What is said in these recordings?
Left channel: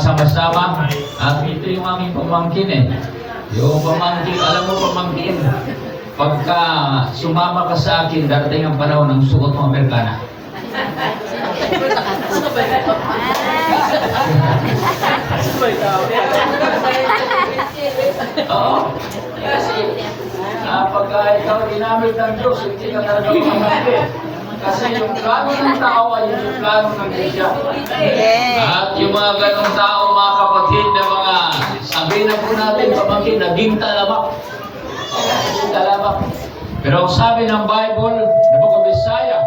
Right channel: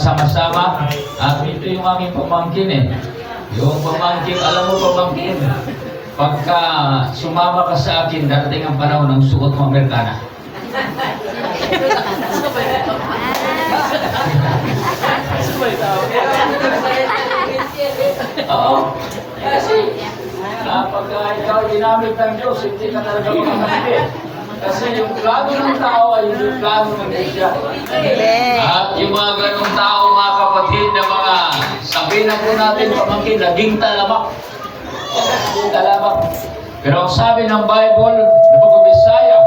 sama-sama. At ito yung aming pamangkin eh. Yung pamangkin, alam mo pamangkin, pagka sumama ka sa akin, darating ang panahon ng suot mo Amerikana. Oo. Kasi pagka ikaw ginamit ng Diyos, hindi ka talaga mamamangkin. Kasi yung plano ng tao ay yung plano ng Diyos. At yung mga ganong tao, mga kapatid, na mga sabihin na po natin, pamangkin, naging talamak. Naging talamak. Pero sabi ng Bible, na Bisaya,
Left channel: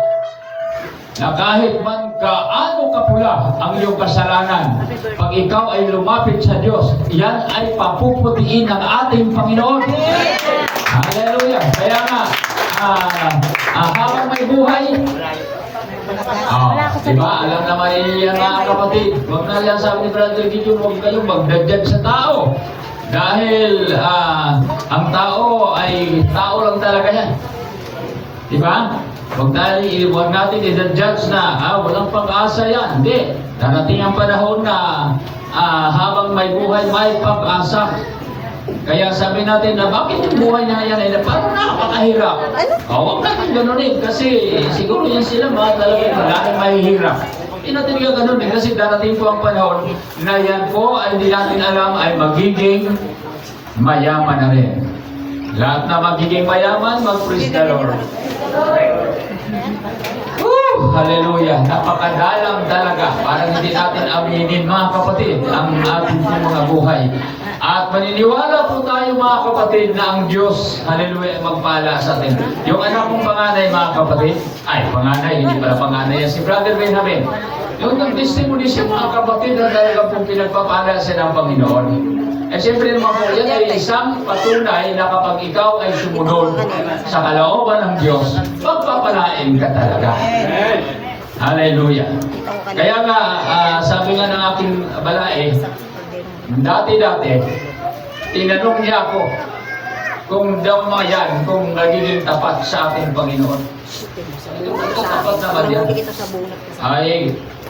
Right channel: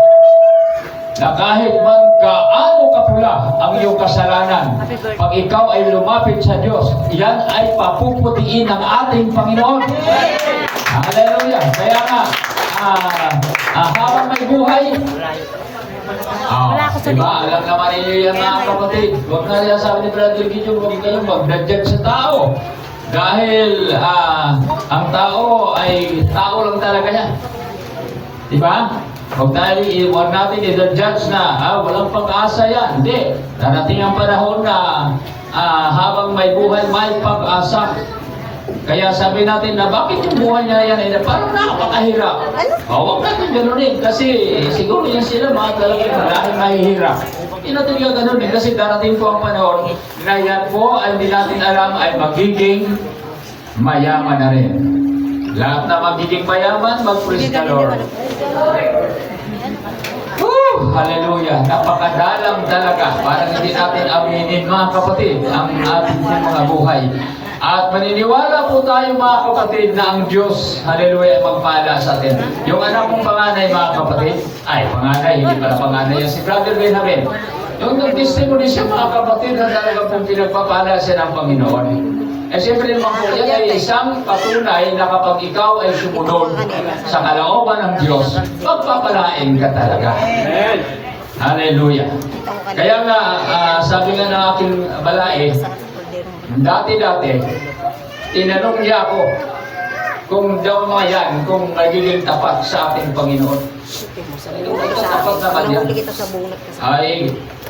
na kahit man gaano kapula ang iyong kasalanan, pag ikaw ay lumapit sa Diyos, yan ay papuputiin ng ating Panginoon. Hallelujah! Kaya nga, habang may buhay, diba? Alam naman ninyo yan mga kapatid. Huwag na yan sabi ni Brother Gideon, huwag kayong magdadjudge sa tao. Dahil ang tao ay tao lang talaga yan. Diba? Huwag natin i-judge na walang pag-asa yan. Hindi. Darating ang panahon na habang may buhay, may pag-asa. Kaya sabi natin na bakit yung buhay niya yan ay parang nakakahirap. Huwag natin ganunin kasi siguro yan sila mga talagang maraming mahihirap. Hindi natin yung ganunin kasi darating po ang panahon na yan po ay hindi natin alam ay magiging mayaman na rin. Lahat na magiging mayaman, mag-praise the Lord. Hallelujah! Napakadalang talaga. Parang hindi natin aminin mga kapatid ang ating mga buhay. At maniniwala po tayo mga kapatid na ang Diyos, hallelujah, ay magpala sa atin. Yung anak kong panganay mga kapatid, hindi pala panganay yan, si Brother Benjamin. Yung nag-testimony siya mga kapatid na talaga pong pinagpapala siya ng Panginoon. Eh siyempre naman po, yan ay isang patunay na kapag ikaw ay sumunod sa kalooban ng Diyos, magpapalain ka talaga. Hallelujah. Kaya nga, sabi nga ng aking balae, dati-dati, tinanong niya ako kung daw mga yan, kung nagiging tapat sa ating Panginoon. Tapat naman yan.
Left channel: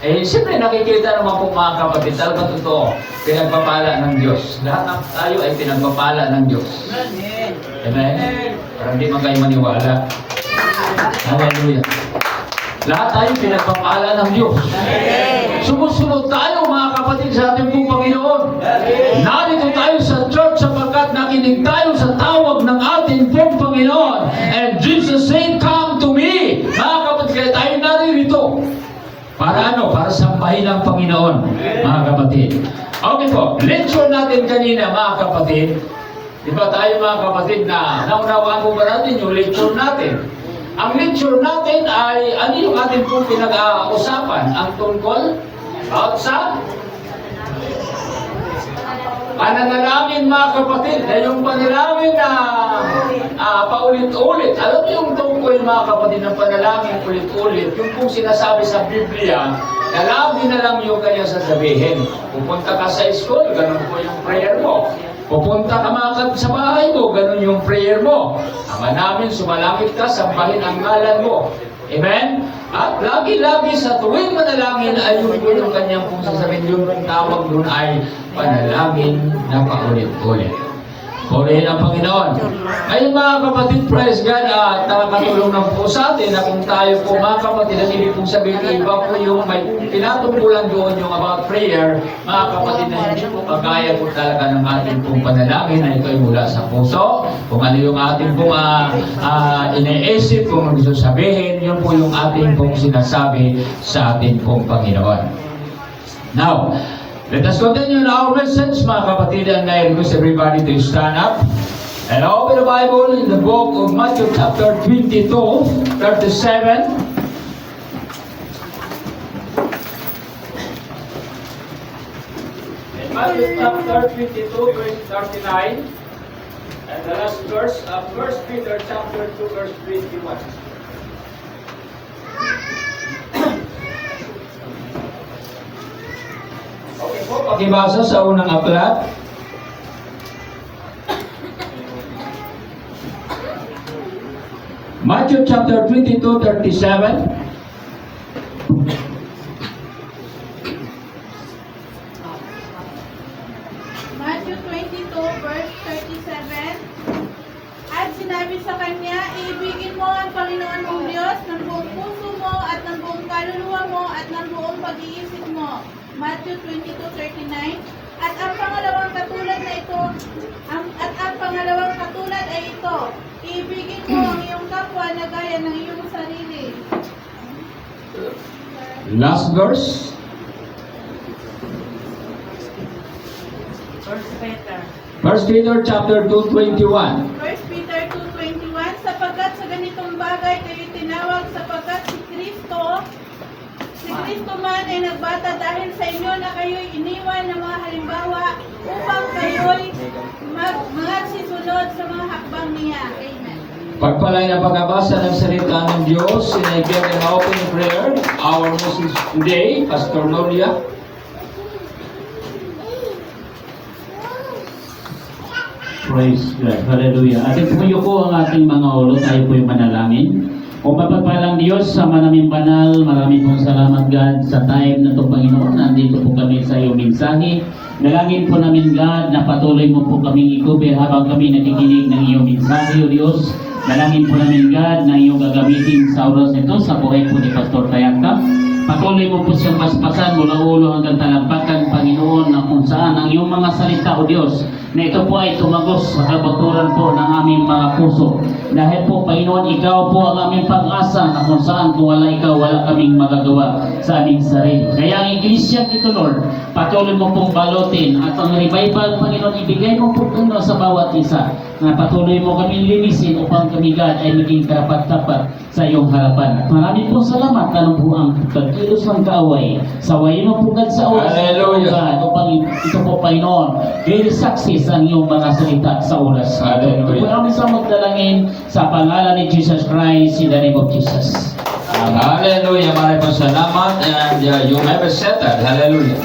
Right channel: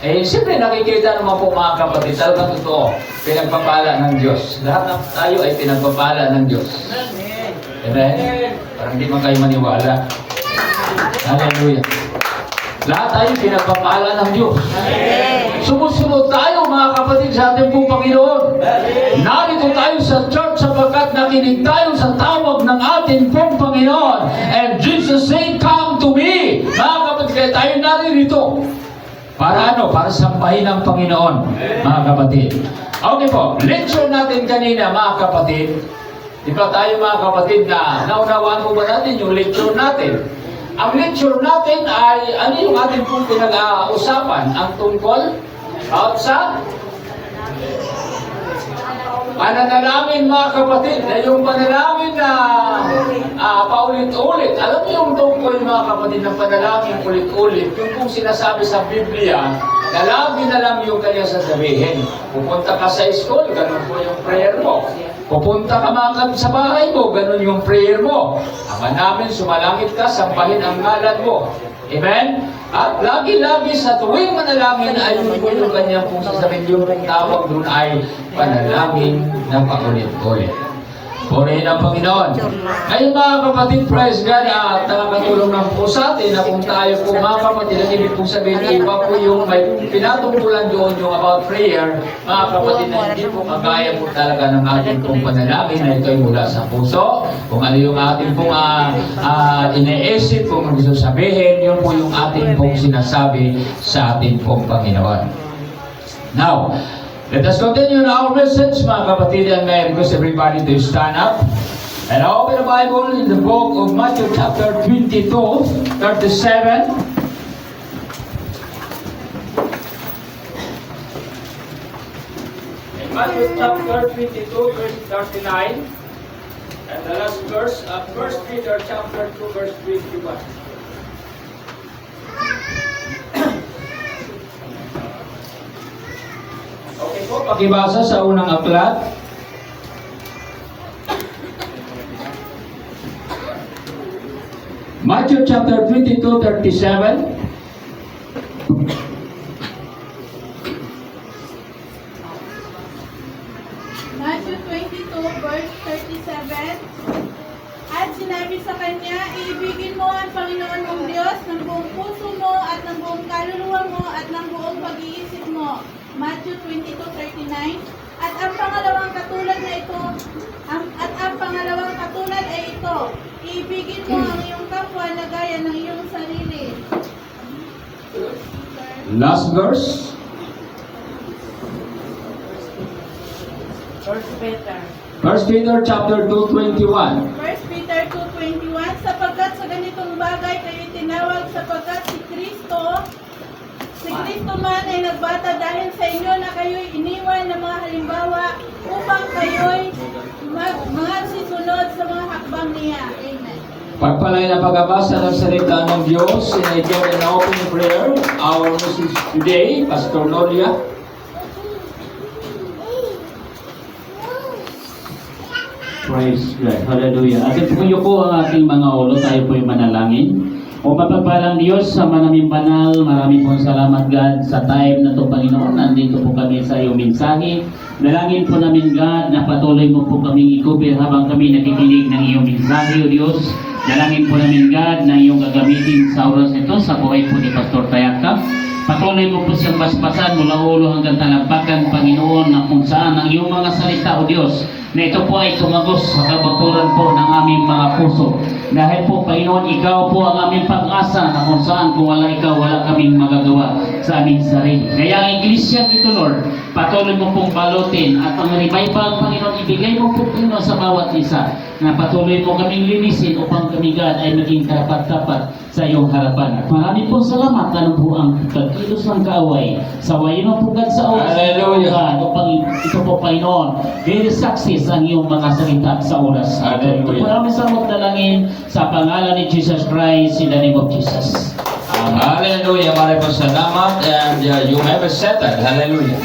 Siyempre nakikita naman po mga kapatid, talaga totoo, pinagpapala ng Diyos. Lahat ng tayo ay pinagpapala ng Diyos. Amen? Parang di man kayo maniwala. Hallelujah. Lahat tayo pinagpapala ng Diyos. Sumusunod tayo mga kapatid sa ating pong Panginoon. Narito tayo sa church sapagkat nakinig tayo sa tawag ng ating pong Panginoon. And Jesus said, "Come to me." Mga kapatid, kaya tayo naririto. Para ano? Para sambahin ang Panginoon, mga kapatid. Okay po, lecture natin kanina mga kapatid. Di ba tayo mga kapatid na naunawaan mo ba natin yung lecture natin? Ang lecture natin ay ano yung ating pong pinag-uusapan? Ang tungkol about sa pananalangin mga kapatid. Na yung panalangin na paulit-ulit. Alam niyo yung tungkol mga kapatid ng panalangin ulit-ulit. Yung pong sinasabi sa Biblia, na lagi na lang yung kanya sasabihin. Pupunta ka sa school, ganun po yung prayer mo. Pupunta ka mga sa bahay mo, ganun yung prayer mo. Ama namin, sumalangit ka, sambahin ang ngalan mo. Amen? At lagi-lagi sa tuwing manalangin ay yun po yung kanyang pong sasabihin. Yung tawag doon ay panalangin na paulit-ulit. Purihin ang Panginoon. Ngayon mga kapatid, praise God, at nakakatulong ng po sa atin na kung tayo po mga kapatid, ang ibig pong sabihin, iba po yung may pinatungkulan doon yung about prayer, mga kapatid, na hindi po kagaya po talaga ng ating pong panalangin na ito ay mula sa puso. Kung ano yung ating pong iniisip, kung gusto sabihin, yun po yung ating pong sinasabi sa ating pong Panginoon. Now, let us continue our message, mga kapatid, and I request everybody to stand up. And open the Bible in the book of Matthew chapter 22, 37. Matthew chapter 22, verse 39. And the last verse of 1 Peter chapter 2, verse 21. Okay po, pakibasa sa unang aklat. Matthew chapter 22, 37. Diyos ng buong puso mo at ng buong kaluluwa mo at ng buong pag-iisip mo. Matthew 22:39. At ang pangalawang katulad ay ito, ibigin mo ang iyong kapwa na gaya ng iyong sarili. Last verse. First Peter chapter 2:21. 1 Peter 2:21, sapagkat sa ganitong bagay kayo tinawag sapagkat si Kristo man ay nagbata dahil sa inyo na kayo'y iniwan ng mga halimbawa upang kayo'y magsisunod sa mga hakbang niya. Amen. Pagpalay na pagkabasa ng salita ng Diyos, sinaigan na open prayer. Our message today, Pastor Loria. Praise God. Hallelujah. Atin puyo ko ang ating mga ulo. Tayo po'y manalangin. O mapagpalang Diyos, sa maraming banal, maraming pong salamat God sa time na ito, Panginoon. Nandito po kami sa iyong mensahe. Dalangin po namin God na patuloy mo po kami ikubir habang kami nakikinig ng iyong mensahe, O Diyos. Dalangin po namin God na iyong gagamitin sa oras nito sa buhay po ni Pastor Tayaka. Patuloy mo po siyang basbasan mula ulo hanggang talampakan, Panginoon, na kung saan ang iyong mga salita, O Diyos, na ito po ay tumagos sa kabaturan po ng aming mga puso. Dahil po, Panginoon, ikaw po ang aming pag-asa na kung saan kung wala ikaw, wala kaming magagawa sa aming sarili. Kaya ang iglesia ito, Lord, patuloy mo pong balutin at ang revival, Panginoon, ibigay mo po, Panginoon, sa bawat isa na patuloy mo kaming linisin upang kami, God, ay maging karapat-dapat sa iyong harapan. At maraming pong salamat na po ang pagkilos ng kaaway. Sawayin mo po, God, sa oras. Hallelujah. Upang ito po, Panginoon, very success ang iyong mga salita sa oras. Hallelujah. Ito po namin sa magdalangin sa pangalan ni Jesus Christ, in the name of Jesus. Hallelujah. Maraming salamat. And you have said that. Hallelujah.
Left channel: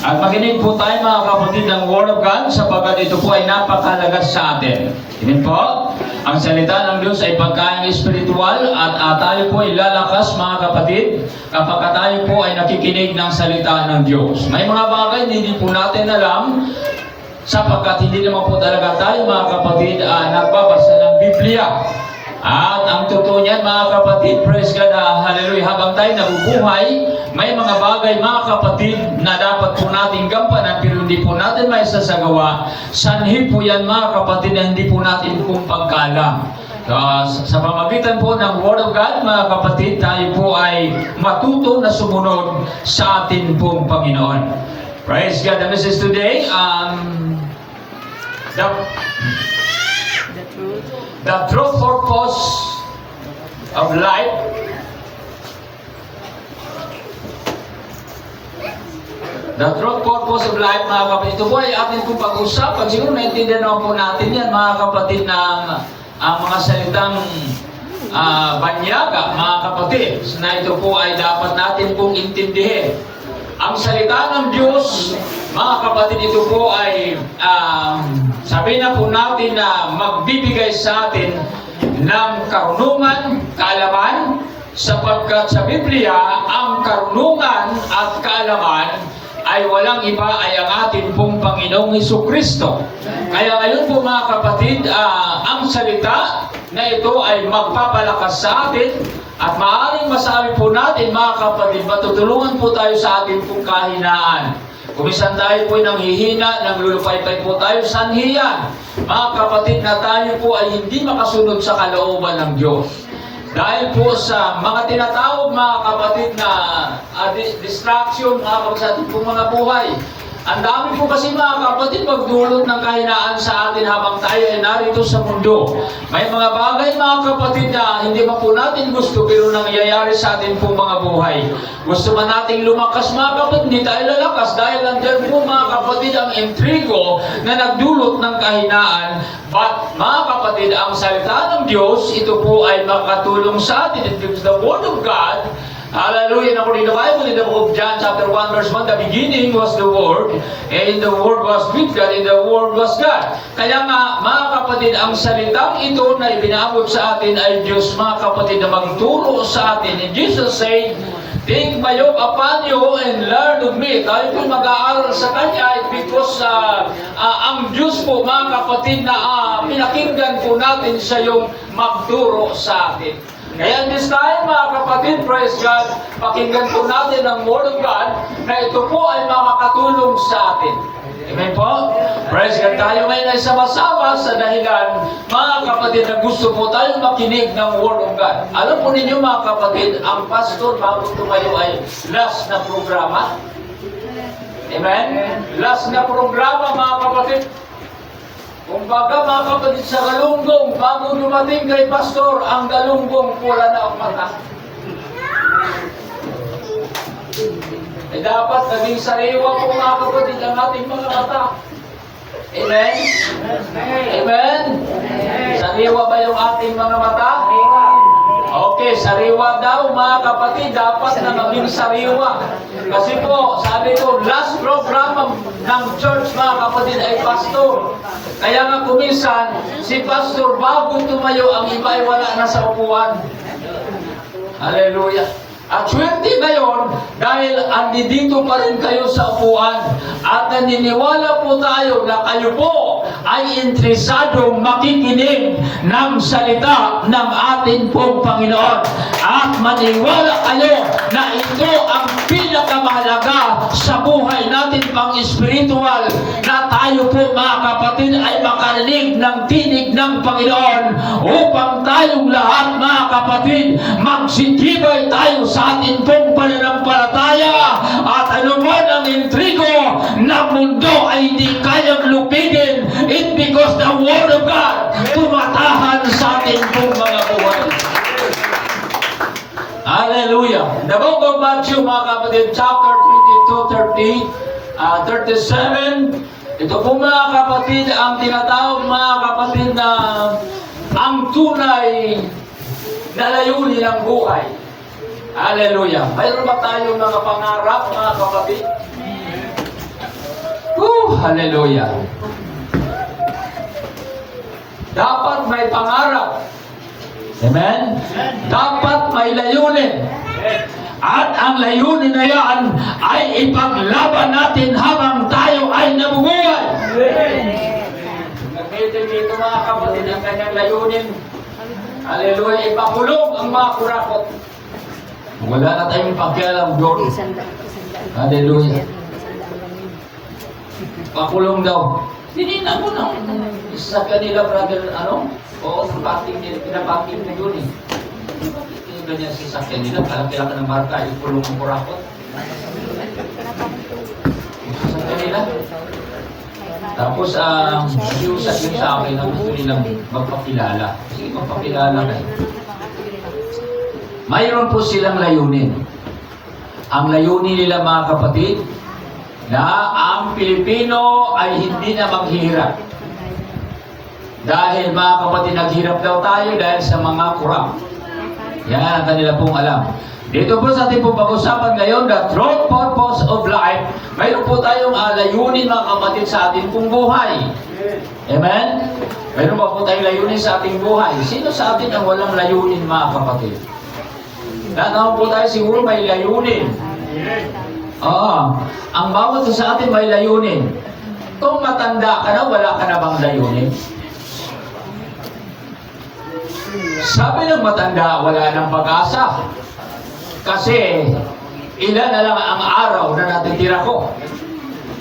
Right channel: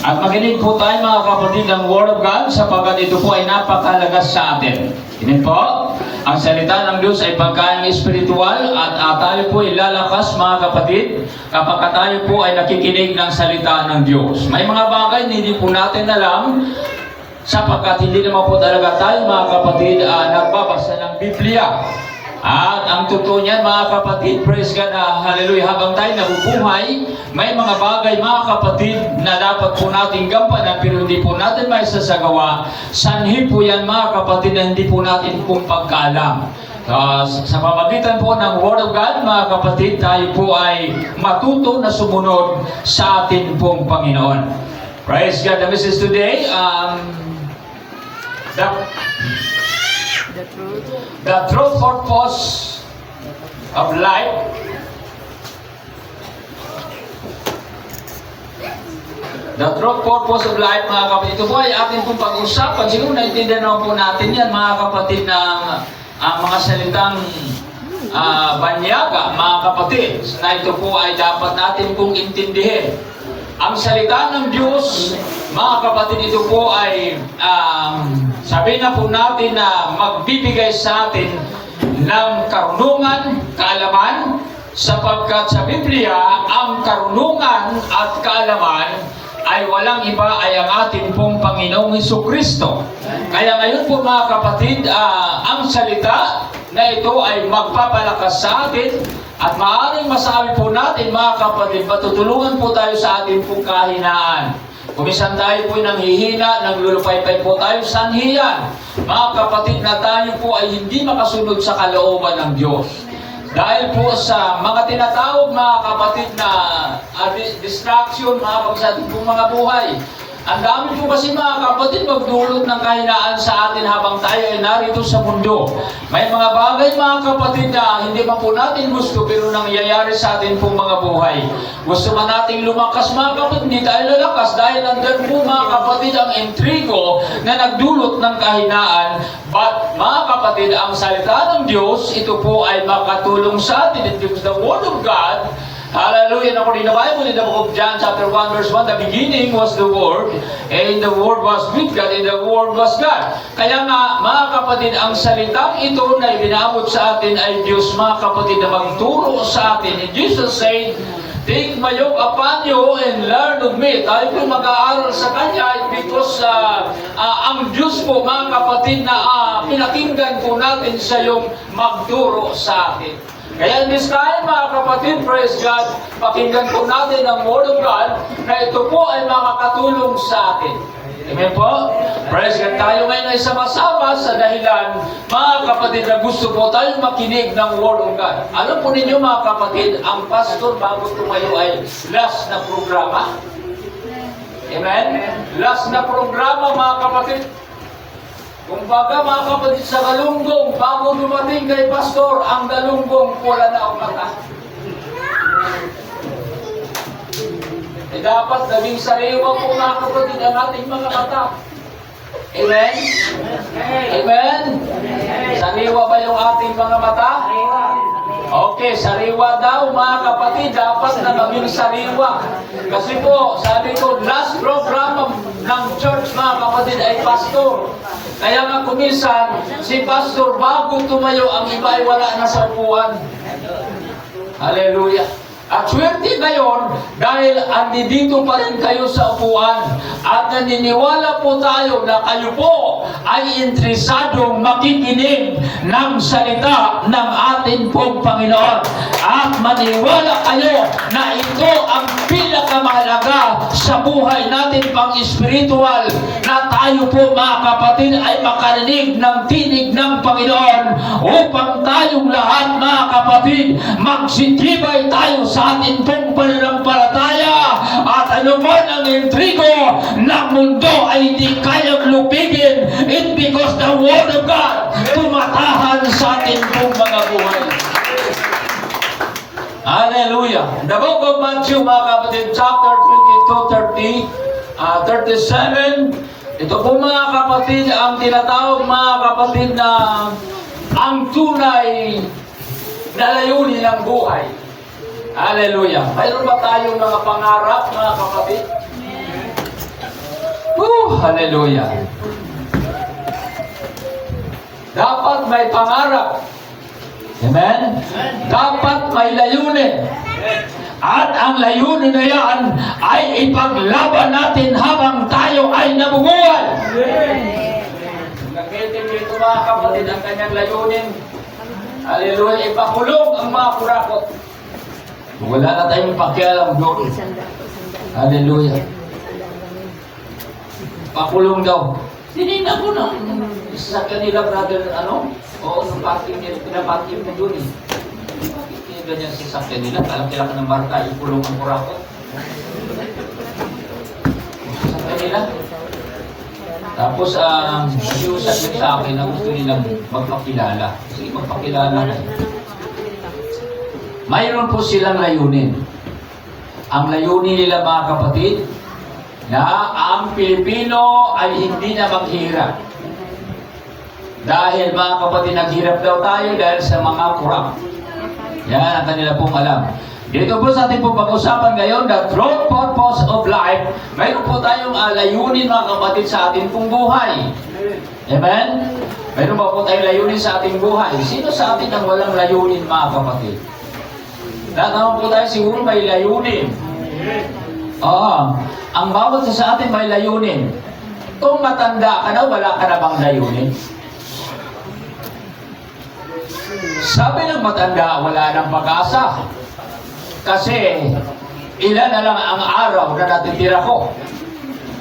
At makinig po tayo mga kapatid ng Word of God sapagkat ito po ay napakalaga sa atin. Amen po? Ang salita ng Diyos ay pagkain espiritual at tayo po ay lalakas mga kapatid kapag tayo po ay nakikinig ng salita ng Diyos. May mga bagay na hindi po natin alam sapagkat hindi naman po talaga tayo mga kapatid nagbabasa ng Biblia. At ang totoo niyan mga kapatid, praise God, hallelujah, habang tayo nabubuhay, may mga bagay mga kapatid na dapat po natin gampanan pero hindi po natin may sasagawa. Sanhi po yan mga kapatid na hindi po natin kung pagkaalam. Sa pamagitan po ng Word of God, mga kapatid, tayo po ay matuto na sumunod sa atin pong Panginoon. Praise God. The message today, the true purpose of life. The true purpose of life, mga kapatid. Ito po ay ating pong pag-usapan. Siguro naintindihan naman po natin yan, mga kapatid, na mga salitang banyaga, mga kapatid, na ito po ay dapat natin pong intindihin. Ang salita ng Diyos, mga kapatid, ito po ay sabihin na po natin na magbibigay sa atin ng karunungan, kaalaman, sapagkat sa Biblia, ang karunungan at kaalaman ay walang iba ay ang ating pong Panginoong Hesukristo. Kaya ngayon po mga kapatid, ang salita na ito ay magpapalakas sa atin at maaaring masabi po natin mga kapatid, matutulungan po tayo sa ating pong kahinaan. Kumisan tayo po nanghihina, naglulupaypay po tayo sa anhiyan. Mga kapatid, na tayo po ay hindi makasunod sa kalooban ng Diyos. Dahil po sa mga tinatawag mga kapatid na distraction, mga kapatid sa ating pong mga buhay. Ang dami po kasi mga kapatid magdulot ng kahinaan sa atin habang tayo ay narito sa mundo. May mga bagay mga kapatid na hindi man po natin gusto pero nangyayari sa atin pong mga buhay. Gusto man nating lumakas mga kapatid, hindi tayo lalakas dahil nandiyan po mga kapatid ang intrigo na nagdulot ng kahinaan. But mga kapatid, ang salita ng Diyos, ito po ay makatulong sa atin. It is the Word of God. Hallelujah. According to the Bible, in the book of John chapter 1 verse 1, the beginning was the Word, and the Word was with God, and the Word was God. Kaya nga, mga kapatid, ang salitang ito na ibinaabot sa atin ay Diyos, mga kapatid, na magturo sa atin. And Jesus said, "Take my yoke upon you and learn of me." Tayo po mag-aaral sa Kanya because ang Diyos po, mga kapatid, na pinakinggan po natin sa yung magturo sa atin. Kaya in this time, mga kapatid, praise God, pakinggan po natin ang Word of God na ito po ay makakatulong sa atin. Amen po? Praise God. Tayo ngayon ay sama-sama sa dahilan, mga kapatid, na gusto po tayong makinig ng Word of God. Alam po ninyo, mga kapatid, ang pastor bago tumayo ay last na programa. Amen? Last na programa, mga kapatid. Kung baga, mga kapatid, sa galunggong, bago dumating kay pastor, ang galunggong pula na ang mata. Dapat naging sariwa po, mga kapatid, ang ating mga mata. Amen? Amen? Sariwa ba yung ating mga mata? Okay, sariwa daw, mga kapatid, dapat na maging sariwa. Kasi po, sabi ko, last program ng church, mga kapatid, ay pastor. Kaya nga kuminsan, si pastor, bago tumayo, ang iba ay wala na sa upuan. Hallelujah. At swerte ngayon, dahil andito pa rin kayo sa upuan at naniniwala po tayo na kayo po ay interesadong makikinig ng salita ng ating pong Panginoon. At maniwala kayo na ito ang pinakamahalaga sa buhay natin pang-espiritual, na tayo po, mga kapatid, ay makarinig ng tinig ng Panginoon upang tayong lahat, mga kapatid, magsitibay tayo sa ating pong pananampalataya, at anuman ang intrigo ng mundo ay hindi kayang lupigin. It's because the Word of God tumatahan sa ating pong mga buhay. Hallelujah. The book of Matthew, mga kapatid, chapter 22, 37. Ito po, mga kapatid, ang tinatawag, mga kapatid, na ang tunay na layunin ng buhay. Hallelujah. Mayroon ba tayong mga pangarap, mga kapatid? Hallelujah. Dapat may pangarap. Amen? Dapat may layunin. At ang layunin na yan ay ipaglaban natin habang tayo ay nabubuhay. Nag-meeting dito, mga kapatid, ang kanyang layunin. Hallelujah. Ipakulong ang mga kurakot. Wala na tayong pakialam doon. Hallelujah. Pakulong daw. Sinina mo na. Sa kanila, brother, Oo, nung parking nila, pinaparking na doon eh. Hindi ba niya sasakyan nila? Kala ka ng barka, ikulong ang kurakot. Sasakyan nila. Tapos, nakiusap yung sa akin na gusto nilang magpakilala. Sige, magpakilala kayo. Mayroon po silang layunin. Ang layunin nila, mga kapatid, na ang Pilipino ay hindi na maghihirap. Dahil, mga kapatid, naghirap daw tayo dahil sa mga kurang. Yan ang kanila pong alam. Dito po sa ating pong pag-usapan ngayon, the true purpose of life. Mayroon po tayong layunin, mga kapatid, sa ating pong buhay. Amen? Mayroon ba po tayong layunin sa ating buhay? Sino sa atin ang walang layunin, mga kapatid? Lahat naman po tayo siguro may layunin. Ang bawat sa atin may layunin. Kung matanda ka na, wala ka na bang layunin? Sabi ng matanda, wala nang pag-asa. Kasi, ilan na lang ang araw na natitira ko.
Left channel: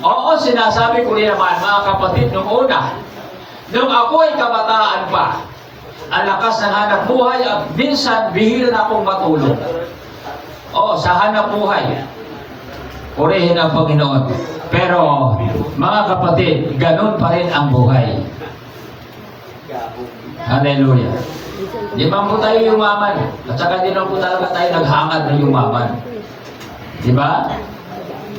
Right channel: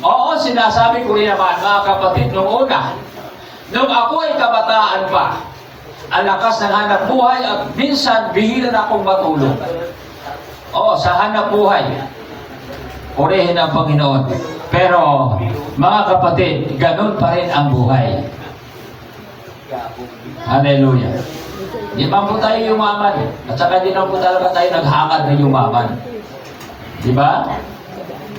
Oo, sinasabi ko rin naman, mga kapatid, nung una, nung ako ay kabataan pa, ang lakas ng hanap buhay at minsan bihira na akong matulog. Oo, sa hanap buhay. Purihin ang Panginoon. Pero, mga kapatid, ganun pa rin ang buhay. Hallelujah. Di ba po tayo yumaman? At saka di na po talaga tayo naghangad na yumaman. Di ba?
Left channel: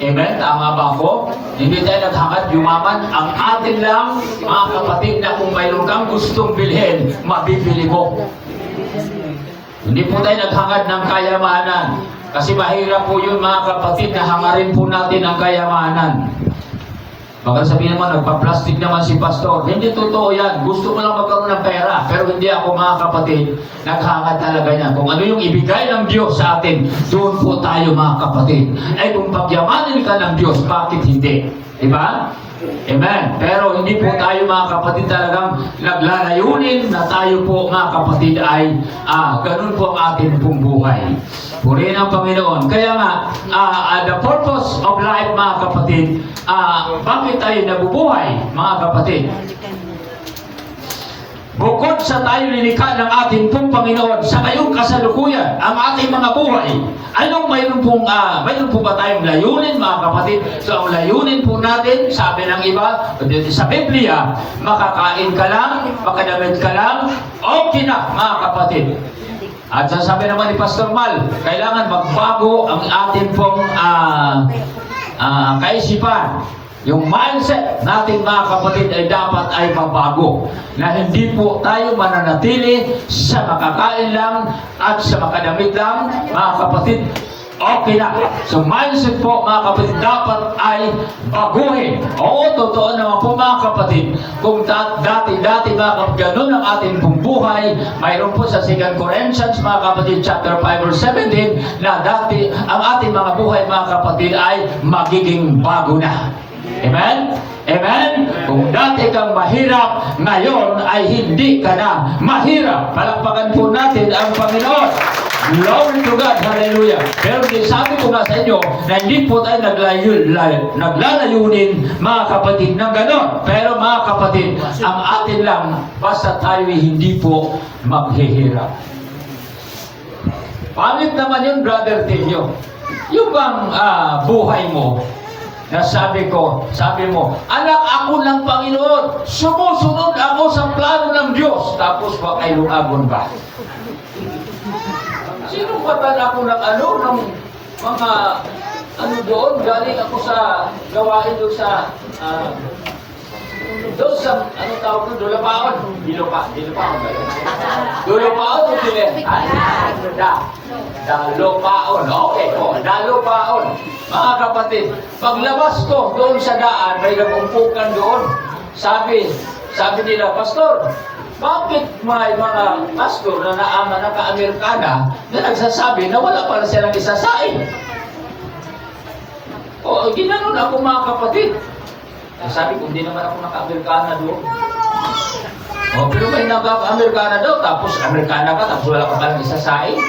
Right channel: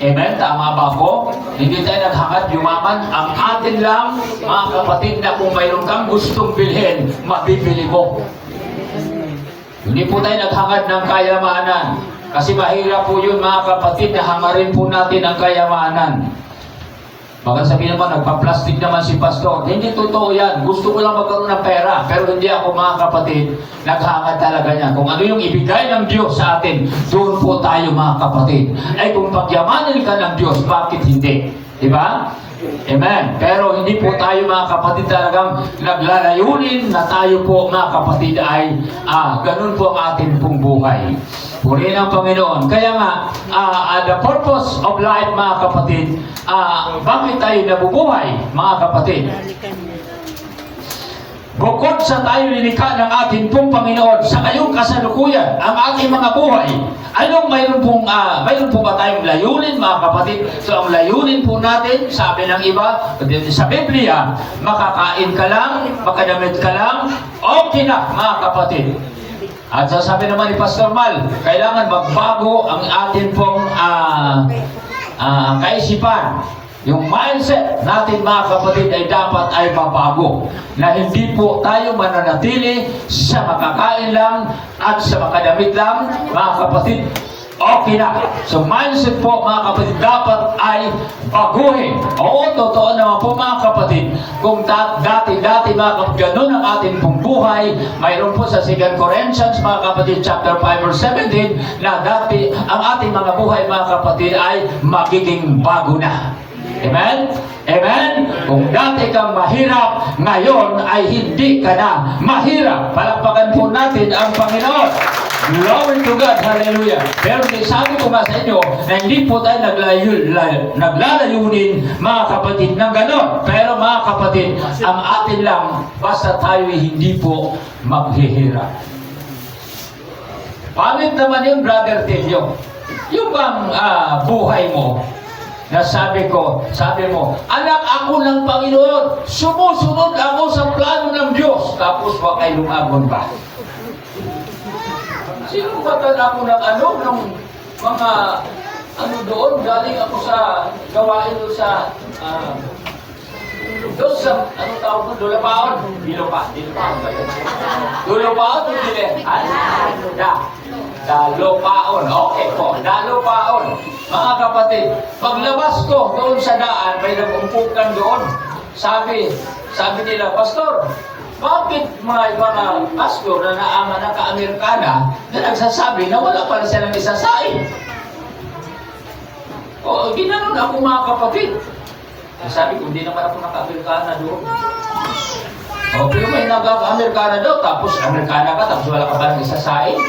Amen? Tama ba ako? Hindi tayo naghangad yumaman. Ang atin lang, mga kapatid, na kung mayroon kang gustong bilhin, mabibili mo. Hindi po tayo naghangad ng kayamanan. Kasi mahirap po yun, mga kapatid, na hangarin po natin ang kayamanan. Baka sabihin naman, nagpa-plastic naman si pastor. Hindi totoo yan. Gusto ko lang magkaroon ng pera. Pero hindi ako, mga kapatid, naghangad talaga niya. Kung ano yung ibigay ng Diyos sa atin, doon po tayo, mga kapatid. Ay kung pagyamanin ka ng Diyos, bakit hindi? Diba? Amen. Pero hindi po tayo mga kapatid talagang naglalayunin na tayo po mga kapatid ay ganun po ang ating pong buhay. Purihin ang Panginoon. Kaya nga, the purpose of life mga kapatid, bakit tayo nabubuhay mga kapatid? Bukod sa tayo linikha ng ating pong Panginoon sa ngayong kasalukuyan, ang ating mga buhay, mayroon po ba tayong layunin mga kapatid? So ang layunin po natin, sabi ng iba, sa Biblia, makakain ka lang, makadamit ka lang, okay na mga kapatid. At sasabi naman ni Pastor Mal, kailangan magbago ang ating pong kaisipan. Yung mindset natin mga kapatid ay dapat ay mabago. Na hindi po tayo mananatili sa makakain lang at sa makadamit lang mga kapatid. Okay na. So mindset po mga kapatid dapat ay baguhin. Oo, totoo naman po mga kapatid. Kung dati mga kapatid, ganun ang ating pong buhay, mayroon po sa 2 Corinthians mga kapatid chapter 5 verse 17 na dati ang ating mga buhay mga kapatid ay magiging bago na. Amen? Amen? Kung dati kang mahirap, ngayon ay hindi ka na mahirap. Palakpakan po natin ang Panginoon. Glory to God. Hallelujah. Pero sabi ko nga sa inyo na hindi po tayo naglalayunin mga kapatid ng ganon. Pero mga kapatid, ang atin lang, basta tayo hindi po maghihirap. Pamit naman yung Brother Tilio. Yung bang buhay mo, na sabi mo, anak ako ng Panginoon, sumusunod ako sa plano ng Diyos. Tapos ba kayo lumagon ba? Sino batan ako ng mga doon? Galing ako sa gawain doon sa tawag ko, Dulapaon. Dilupaon ba yun? Dulapaon o Dilehan? Dalupaon. Okay po, Dalupaon. Mga kapatid, paglabas ko doon sa daan, may nagumpukan doon. Sabi nila, Pastor, bakit mga pastor na naka-Amerikana na nagsasabi na wala pala silang isasain? O, ginanon ako mga kapatid. Sabi ko, hindi naman ako naka-Amerikana doon. O, pero may naka-Amerikana daw, tapos Amerikana ka, tapos wala ka palang isasain.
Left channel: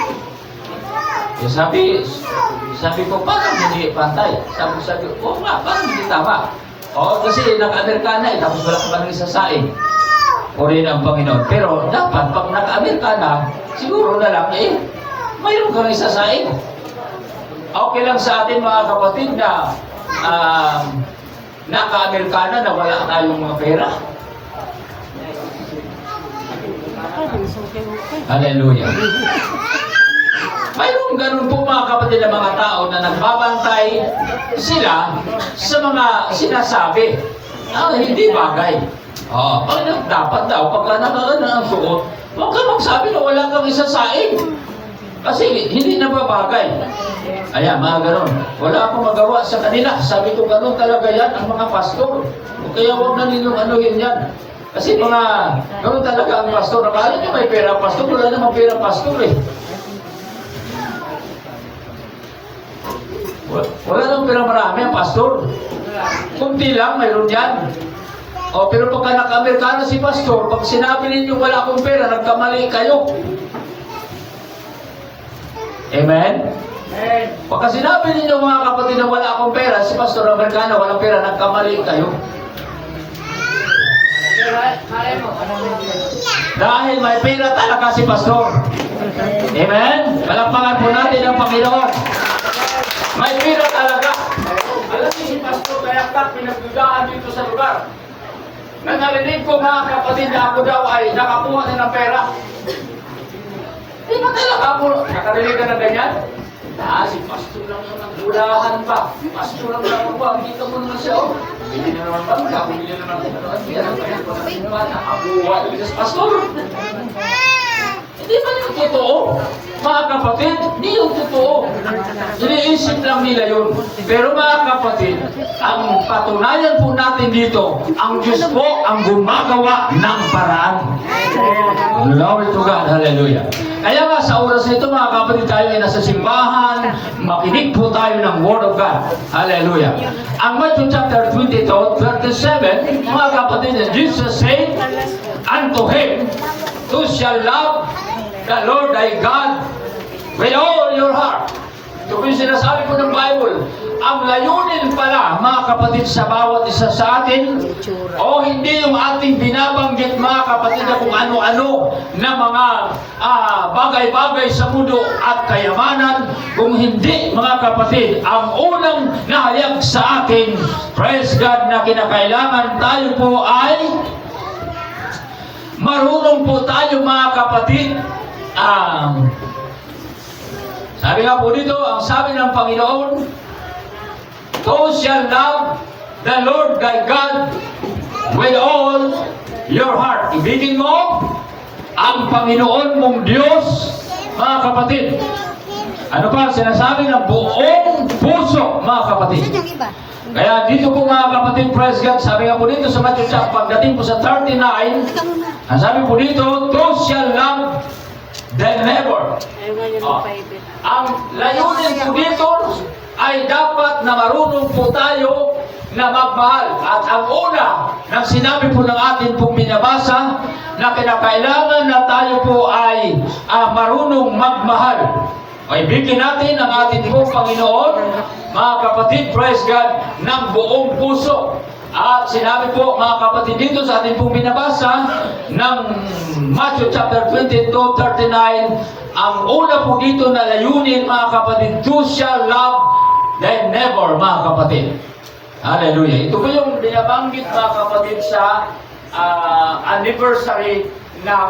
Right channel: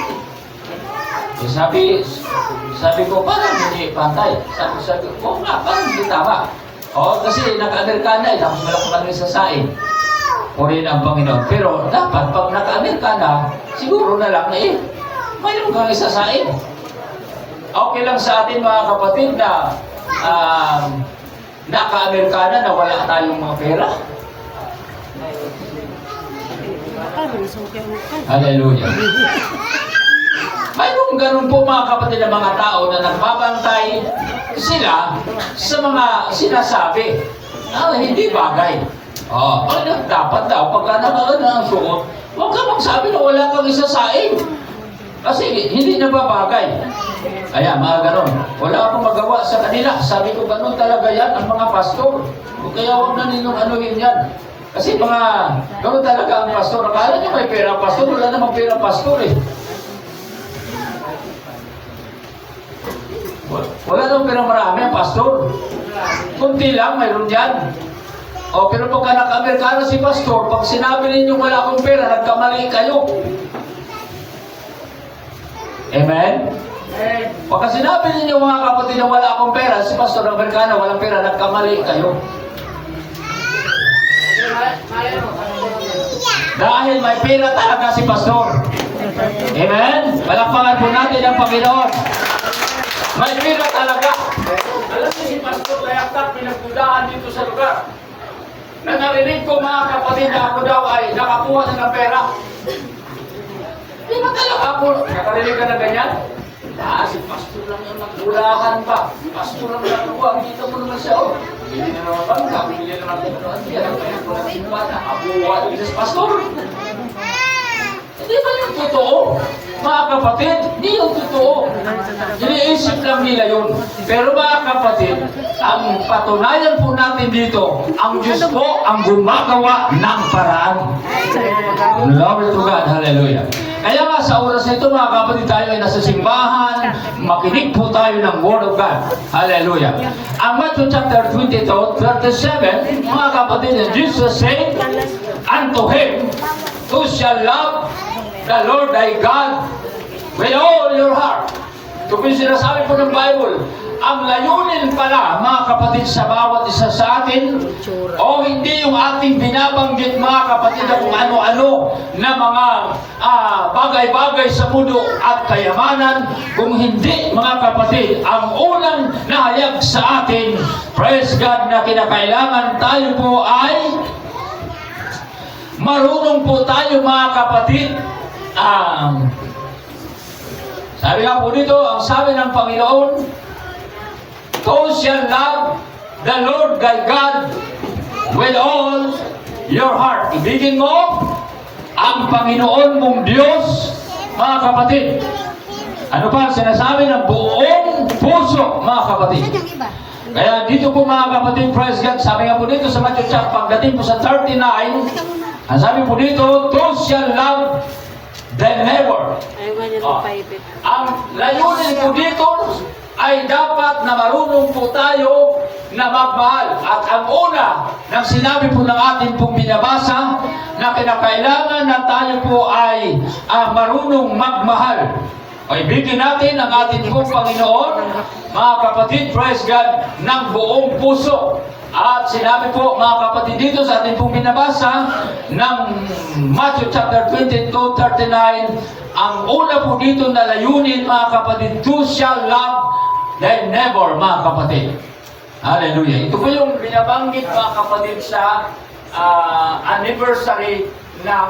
Sabi ko, parang hindi pantay. Sabi ko, parang hindi tama. O, kasi naka-Amerikana tapos wala ka palang isasain. Purihin ang Panginoon. Pero dapat, pag naka-Amerikana, siguro na lang, mayroon kang isasain. Okay lang sa atin mga kapatid na naka-Amerikana na wala tayong mga pera. Hallelujah. Mayroong ganun po mga kapatid ng mga tao na nagbabantay sila sa mga sinasabi na hindi bagay. Dapat daw, pagka nakagana ang suot, huwag ka magsabi na wala kang isasaing. Kasi hindi na babagay. Ayan, mga ganun. Wala akong magawa sa kanila. Sabi ko, ganun talaga yan ang mga pastor. Kaya huwag na ninyong anuhin yan. Kasi ganun talaga ang pastor. Akala niyo may pera pastor, wala namang pera pastor eh. Wala namang pera marami ang pastor. Kunti lang, mayroon yan. Pero pagka naka-Amerikano si pastor, pag sinabi ninyo wala akong pera, nagkamali kayo. Amen? Pagka sinabi ninyo mga kapatid na wala akong pera, si pastor Amerikano walang pera, nagkamali kayo. Dahil may pera talaga si pastor. Amen? Palakpakan po natin ang Panginoon. May pera talaga. Alam niyo si pastor Layaktak, pinagdudahan dito sa lugar. Na narinig ko mga kapatid na ako daw ay nakakuha na ng pera. Di ba talaga ako? Nakarinig ka na ganyan? Si pastor lang yung nagdulahan pa. Pastor lang nakakuha. Kita mo naman siya. Bili na naman bangka. Bili na naman ano. Ang kaya ko na rin ba? Nakakuha din sa pastor. Hindi ba yung totoo? Mga kapatid, hindi yung totoo. Iniisip lang nila yun. Pero mga kapatid, ang patunayan po natin dito, ang Diyos po ang gumagawa ng paraan. Glory to God. Hallelujah. Kaya nga sa oras na ito mga kapatid, tayo ay nasa simbahan, makinig po tayo ng Word of God. Hallelujah. Ang Matthew chapter 22, 37, mga kapatid, Jesus said unto him, "Who shall love the Lord thy God with all your heart." Ito po yung sinasabi po ng Bible. Ang layunin pala, mga kapatid, sa bawat isa sa atin, o hindi yung ating binabanggit, mga kapatid, na kung ano-ano na mga bagay-bagay sa mundo at kayamanan, kung hindi, mga kapatid, ang unang nahayag sa atin, praise God, na kinakailangan tayo po ay marunong po tayo, mga kapatid, sabi nga po dito, ang sabi ng Panginoon, "Thou shalt love the Lord thy God with all your heart." Ibigin mo ang Panginoon mong Diyos, mga kapatid. Ano pa ang sinasabi ng buong puso, mga kapatid? Kaya dito po, mga kapatid, praise God, sabi nga po dito sa Matthew chapter, pagdating po sa 39, ang sabi po dito, "Thou shalt love thy neighbor." Ang layunin po dito ay dapat na marunong po tayo na magmahal. At ang una ng sinabi po ng ating pong binabasa na kinakailangan na tayo po ay marunong magmahal. Ay bigyan natin ang ating pong Panginoon, mga kapatid, praise God, ng buong puso. At sinabi po, mga kapatid, dito sa ating pong binabasa ng Matthew chapter 22, 39, ang una po dito na layunin, mga kapatid, "Thou shalt love thy neighbor," mga kapatid. Hallelujah. Ito po yung binabanggit, mga kapatid, sa anniversary ng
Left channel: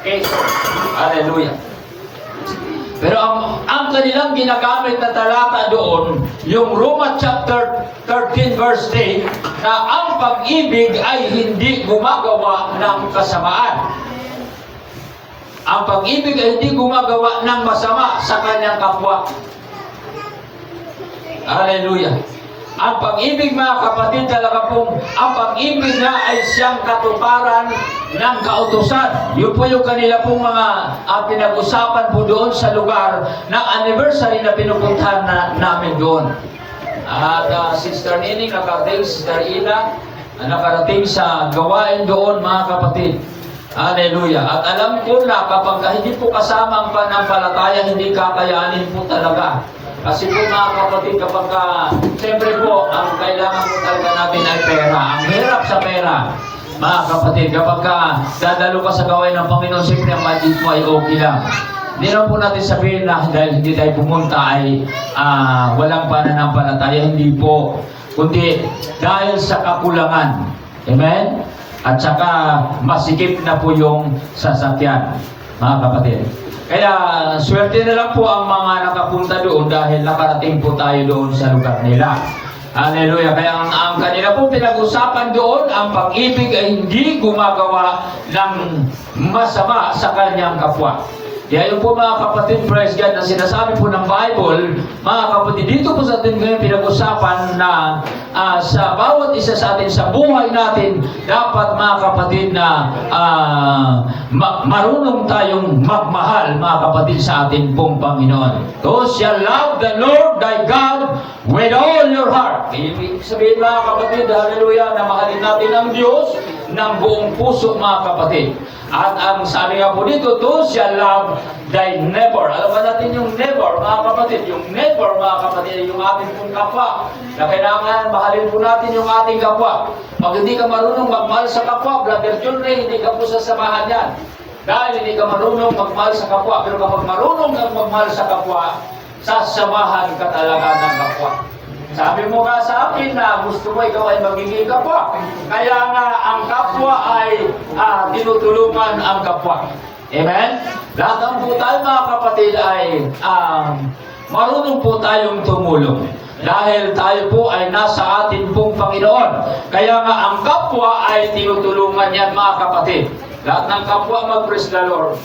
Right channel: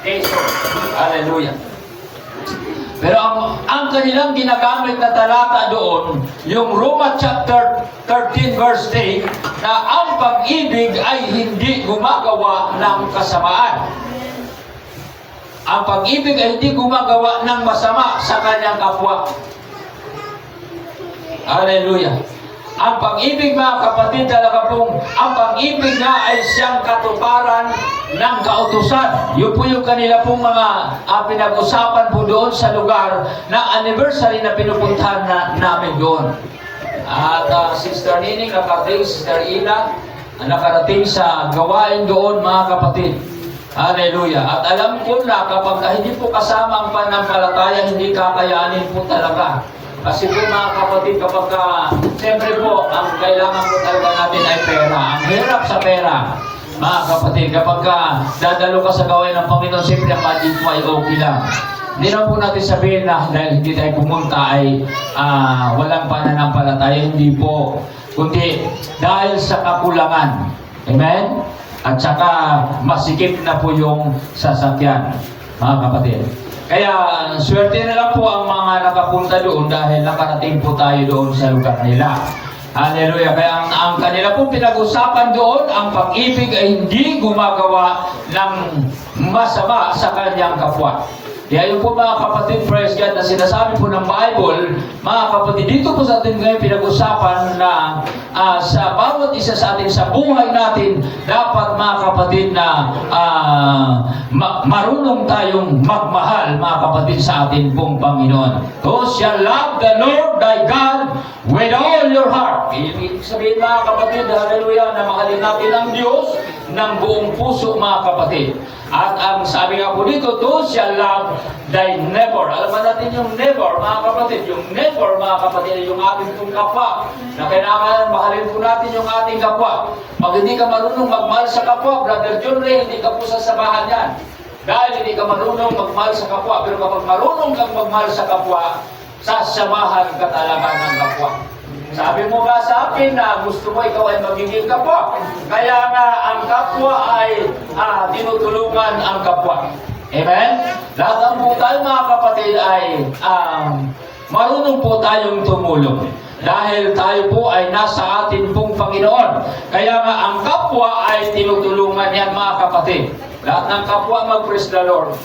Quezon. Hallelujah. Pero ang kanilang ginagamit na talata doon, yung Roma chapter 13 verse 8, na ang pag-ibig ay hindi gumagawa ng kasamaan. Ang pag-ibig ay hindi gumagawa ng masama sa kanyang kapwa. Hallelujah. Ang pag-ibig, mga kapatid, talaga pong, ang pag-ibig na ay siyang katuparan ng kautusan. Yun po yung kanila pong mga pinag-usapan po doon sa lugar na anniversary na pinupuntahan namin doon. At Sister Nining, nakarating, Sister Ina, nakarating sa gawain doon, mga kapatid. Hallelujah. At alam ko na kapag hindi po kasama ang pananampalataya, hindi kakayanin po talaga. Kasi po, mga kapatid, kapag siyempre po, ang kailangan po talaga natin ay pera. Ang hirap sa pera, mga kapatid, kapag dadalo ka sa gawain ng Panginoon, siyempre ang budget mo ay okay lang. Hindi naman po natin sabihin na dahil hindi tayo pumunta ay walang pananampalataya. Hindi po. Kundi dahil sa kakulangan. Amen? At saka masikip na po yung sasakyan, mga kapatid. Kaya swerte na lang po ang mga nakapunta doon dahil nakarating po tayo doon sa lugar nila. Hallelujah. Kaya ang kanila pong pinag-usapan doon, ang pag-ibig ay hindi gumagawa ng masama sa kanyang kapwa. Kaya yun po, mga kapatid, praise God, na sinasabi po ng Bible, mga kapatid, dito po sa atin ngayon pinag-usapan na sa bawat isa sa atin, sa buhay natin, dapat, mga kapatid, na marunong tayong magmahal, mga kapatid, sa ating pong Panginoon. "Thou shalt love the Lord thy God with all your heart." Ibig sabihin, mga kapatid, hallelujah, na mahalin natin ang Diyos ng buong puso, mga kapatid. At ang sabi nga po dito, "Thou shalt love thy neighbor." Alam ba natin yung neighbor, mga kapatid? Yung neighbor, mga kapatid, yung ating pong kapwa. Na kailangan mahalin po natin yung ating kapwa. Pag hindi ka marunong magmahal sa kapwa, Brother John Ray, hindi ka po sasamahan yan. Dahil hindi ka marunong magmahal sa kapwa. Pero kapag marunong kang magmahal sa kapwa, sasamahan ka talaga ng kapwa. Sabi mo nga sa akin na gusto mo ikaw ay magiging kapwa. Kaya nga ang kapwa ay tinutulungan ang kapwa. Amen? Lahat po tayo, mga kapatid, ay marunong po tayong tumulong. Dahil tayo po ay nasa atin pong Panginoon. Kaya nga ang kapwa ay tinutulungan yan, mga kapatid. Lahat ng kapwa mag-praise the Lord.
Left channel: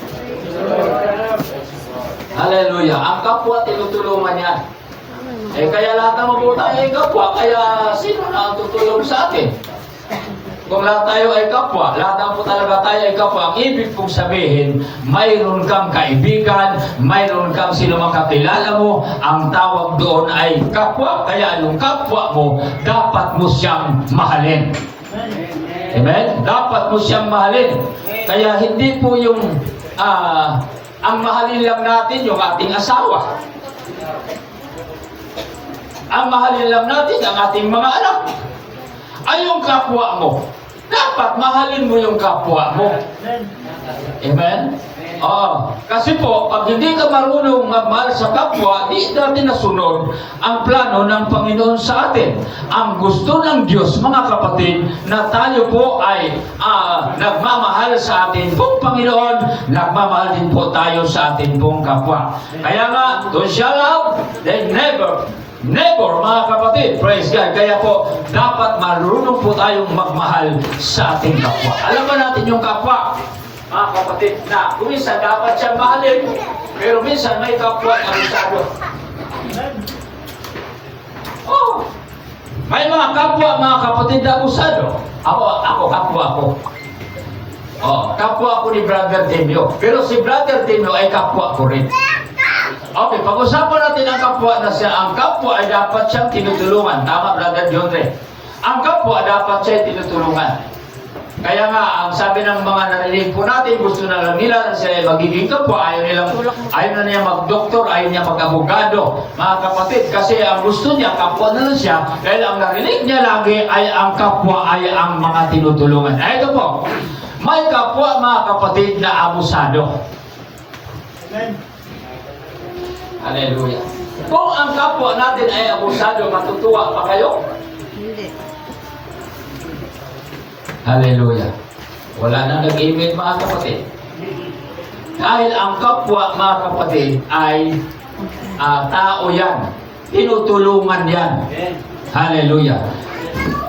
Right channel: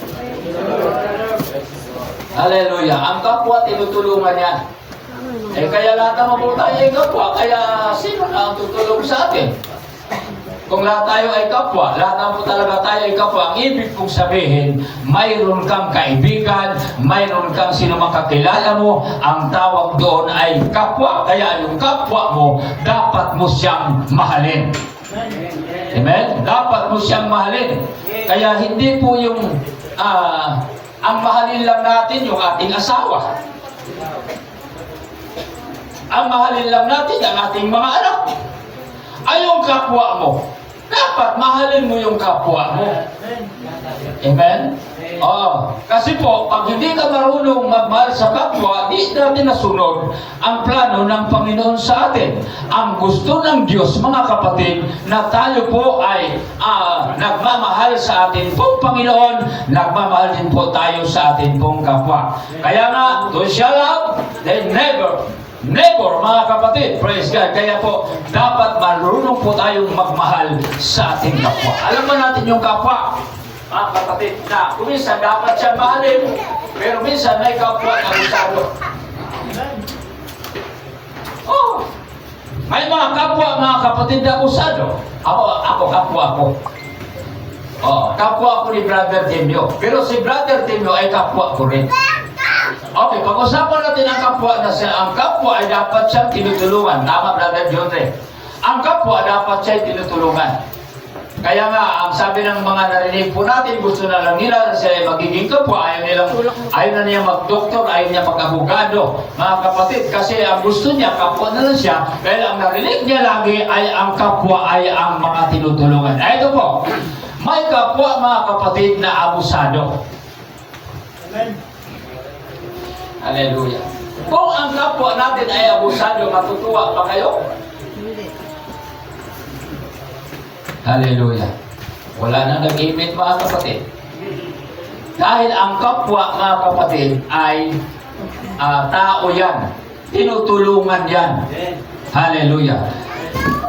Hallelujah. Ang kapwa tinutulungan yan. Kaya lahat naman po tayo ay kapwa, kaya sino na ang tutulong sa atin? kung lahat tayo ay kapwa, lahat na po talaga tayo ay kapwa, ang ibig kong sabihin, mayroon kang kaibigan, mayroon kang sinumang kakilala mo, ang tawag doon ay kapwa. Kaya yung kapwa mo, dapat mo siyang mahalin. Amen? Dapat mo siyang mahalin. Kaya hindi po yung ang mahalin lang natin yung ating asawa. Ang mahalin lang natin ang ating mga anak. Ay yung kapwa mo. Dapat mahalin mo yung kapwa mo. Amen? Kasi po, pag hindi ka marunong magmahal sa kapwa, di natin nasunod ang plano ng Panginoon sa atin. Ang gusto ng Diyos, mga kapatid, na tayo po ay nagmamahal sa atin pong Panginoon, nagmamahal din po tayo sa atin pong kapwa. Kaya nga, to shall love, they never, mga kapatid, praise God. Kaya po, dapat marunong po tayong magmahal sa ating kapwa. Alam ba natin yung kapwa? Mga kapatid, na minsan dapat siyang mahalin, pero minsan may kapwa na abusado. May mga kapwa, mga kapatid na abusado. Ako, kapwa ako. Kapwa ako ni Brother Timio. Pero si Brother Timio ay kapwa ko rin. Okay, pag-usapan natin ang kapwa na siya. Ang kapwa ay dapat siyang tinutulungan. Tama, Brother John Ray. Ang kapwa dapat siya tinutulungan. Kaya nga, ang sabi ng mga narinig po natin, gusto na lang nila na siya magiging kapwa. Ayaw na niya mag-doktor, ayaw niya mag-abogado. Mga kapatid, kasi ang gusto niya, kapwa na lang siya. Dahil ang narinig niya lagi ay ang kapwa ay ang mga tinutulungan. Ito po, may kapwa, mga kapatid, na abusado. Amen. Hallelujah. Kung ang kapwa natin ay abusado, matutuwa pa kayo? Hindi. Hallelujah. Wala nang nag-imig, mga kapatid. Dahil ang kapwa, mga kapatid, ay tao yan. Tinutulungan yan. Hallelujah.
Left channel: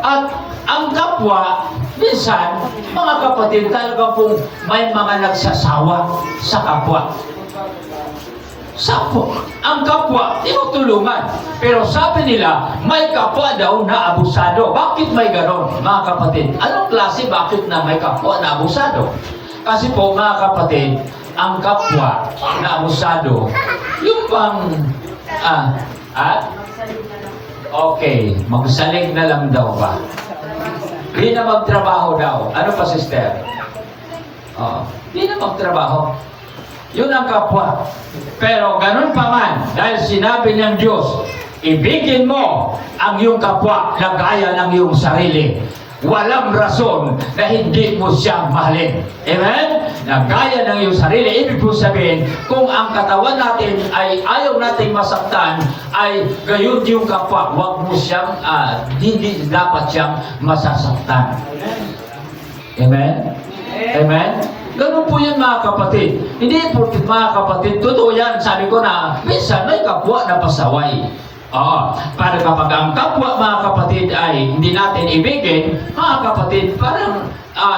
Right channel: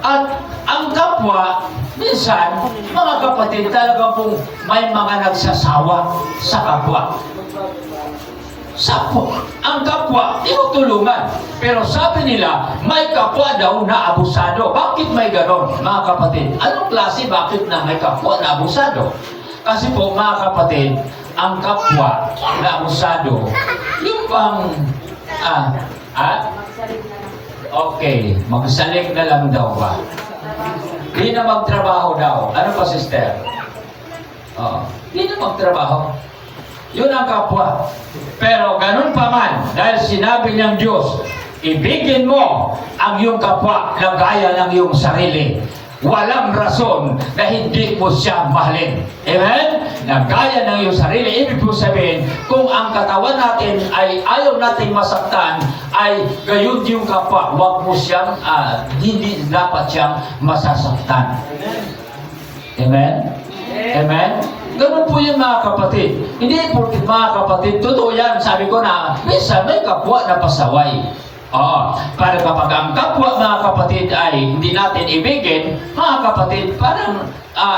At ang kapwa, minsan, mga kapatid, talaga pong may mga nagsasawa sa kapwa. Ang kapwa, tinutulungan. Pero sabi nila, may kapwa daw na abusado. Bakit may ganon, mga kapatid? Anong klase bakit na may kapwa na abusado? Kasi po, mga kapatid, ang kapwa na abusado, yung bang, okay, magsalig na lang daw ba? Di na magtrabaho daw. Ano pa, sister? Di na magtrabaho. Yun ang kapwa. Pero ganun pa man, dahil sinabi ng Diyos, ibigin mo ang iyong kapwa na gaya ng iyong sarili. Walang rason na hindi mo siya mahalin. Amen? Na gaya ng iyong sarili. Ibig po sabihin, kung ang katawan natin ay ayaw nating masaktan, ay gayon yung kapwa. Huwag mo siyang, hindi dapat siyang masasaktan. Amen? Amen? Ganun po yun, mga kapatid. Hindi po, mga kapatid, totoo yan. Sabi ko na, minsan may kapwa na pasaway. Para kapag ang kapwa, mga kapatid, ay hindi natin ibigin, mga kapatid, parang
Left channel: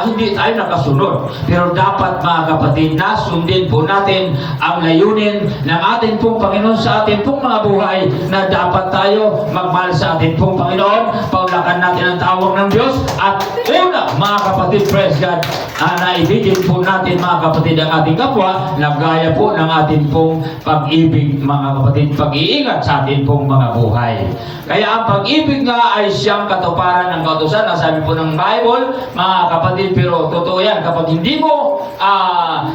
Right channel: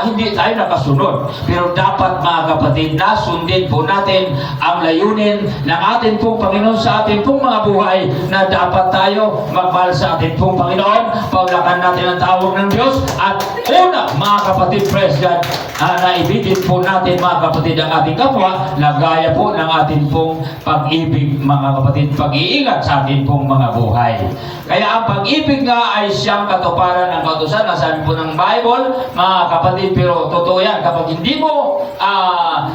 hindi tayo nakasunod. Pero dapat, mga kapatid, nasundin po natin ang layunin ng ating pong Panginoon sa ating pong mga buhay, na dapat tayo magmahal sa ating pong Panginoon, paulakan natin ang tawag ng Diyos, at una, mga kapatid, praise God, na ibigin po natin, mga kapatid, ang ating kapwa, na gaya po ng ating pong pag-ibig, mga kapatid, pag-iingat sa ating pong mga buhay. Kaya ang pag-ibig nga ay siyang katuparan ng kautusan, na sabi po ng Bible, mga kapatid, pero totoo yan, kapag hindi mo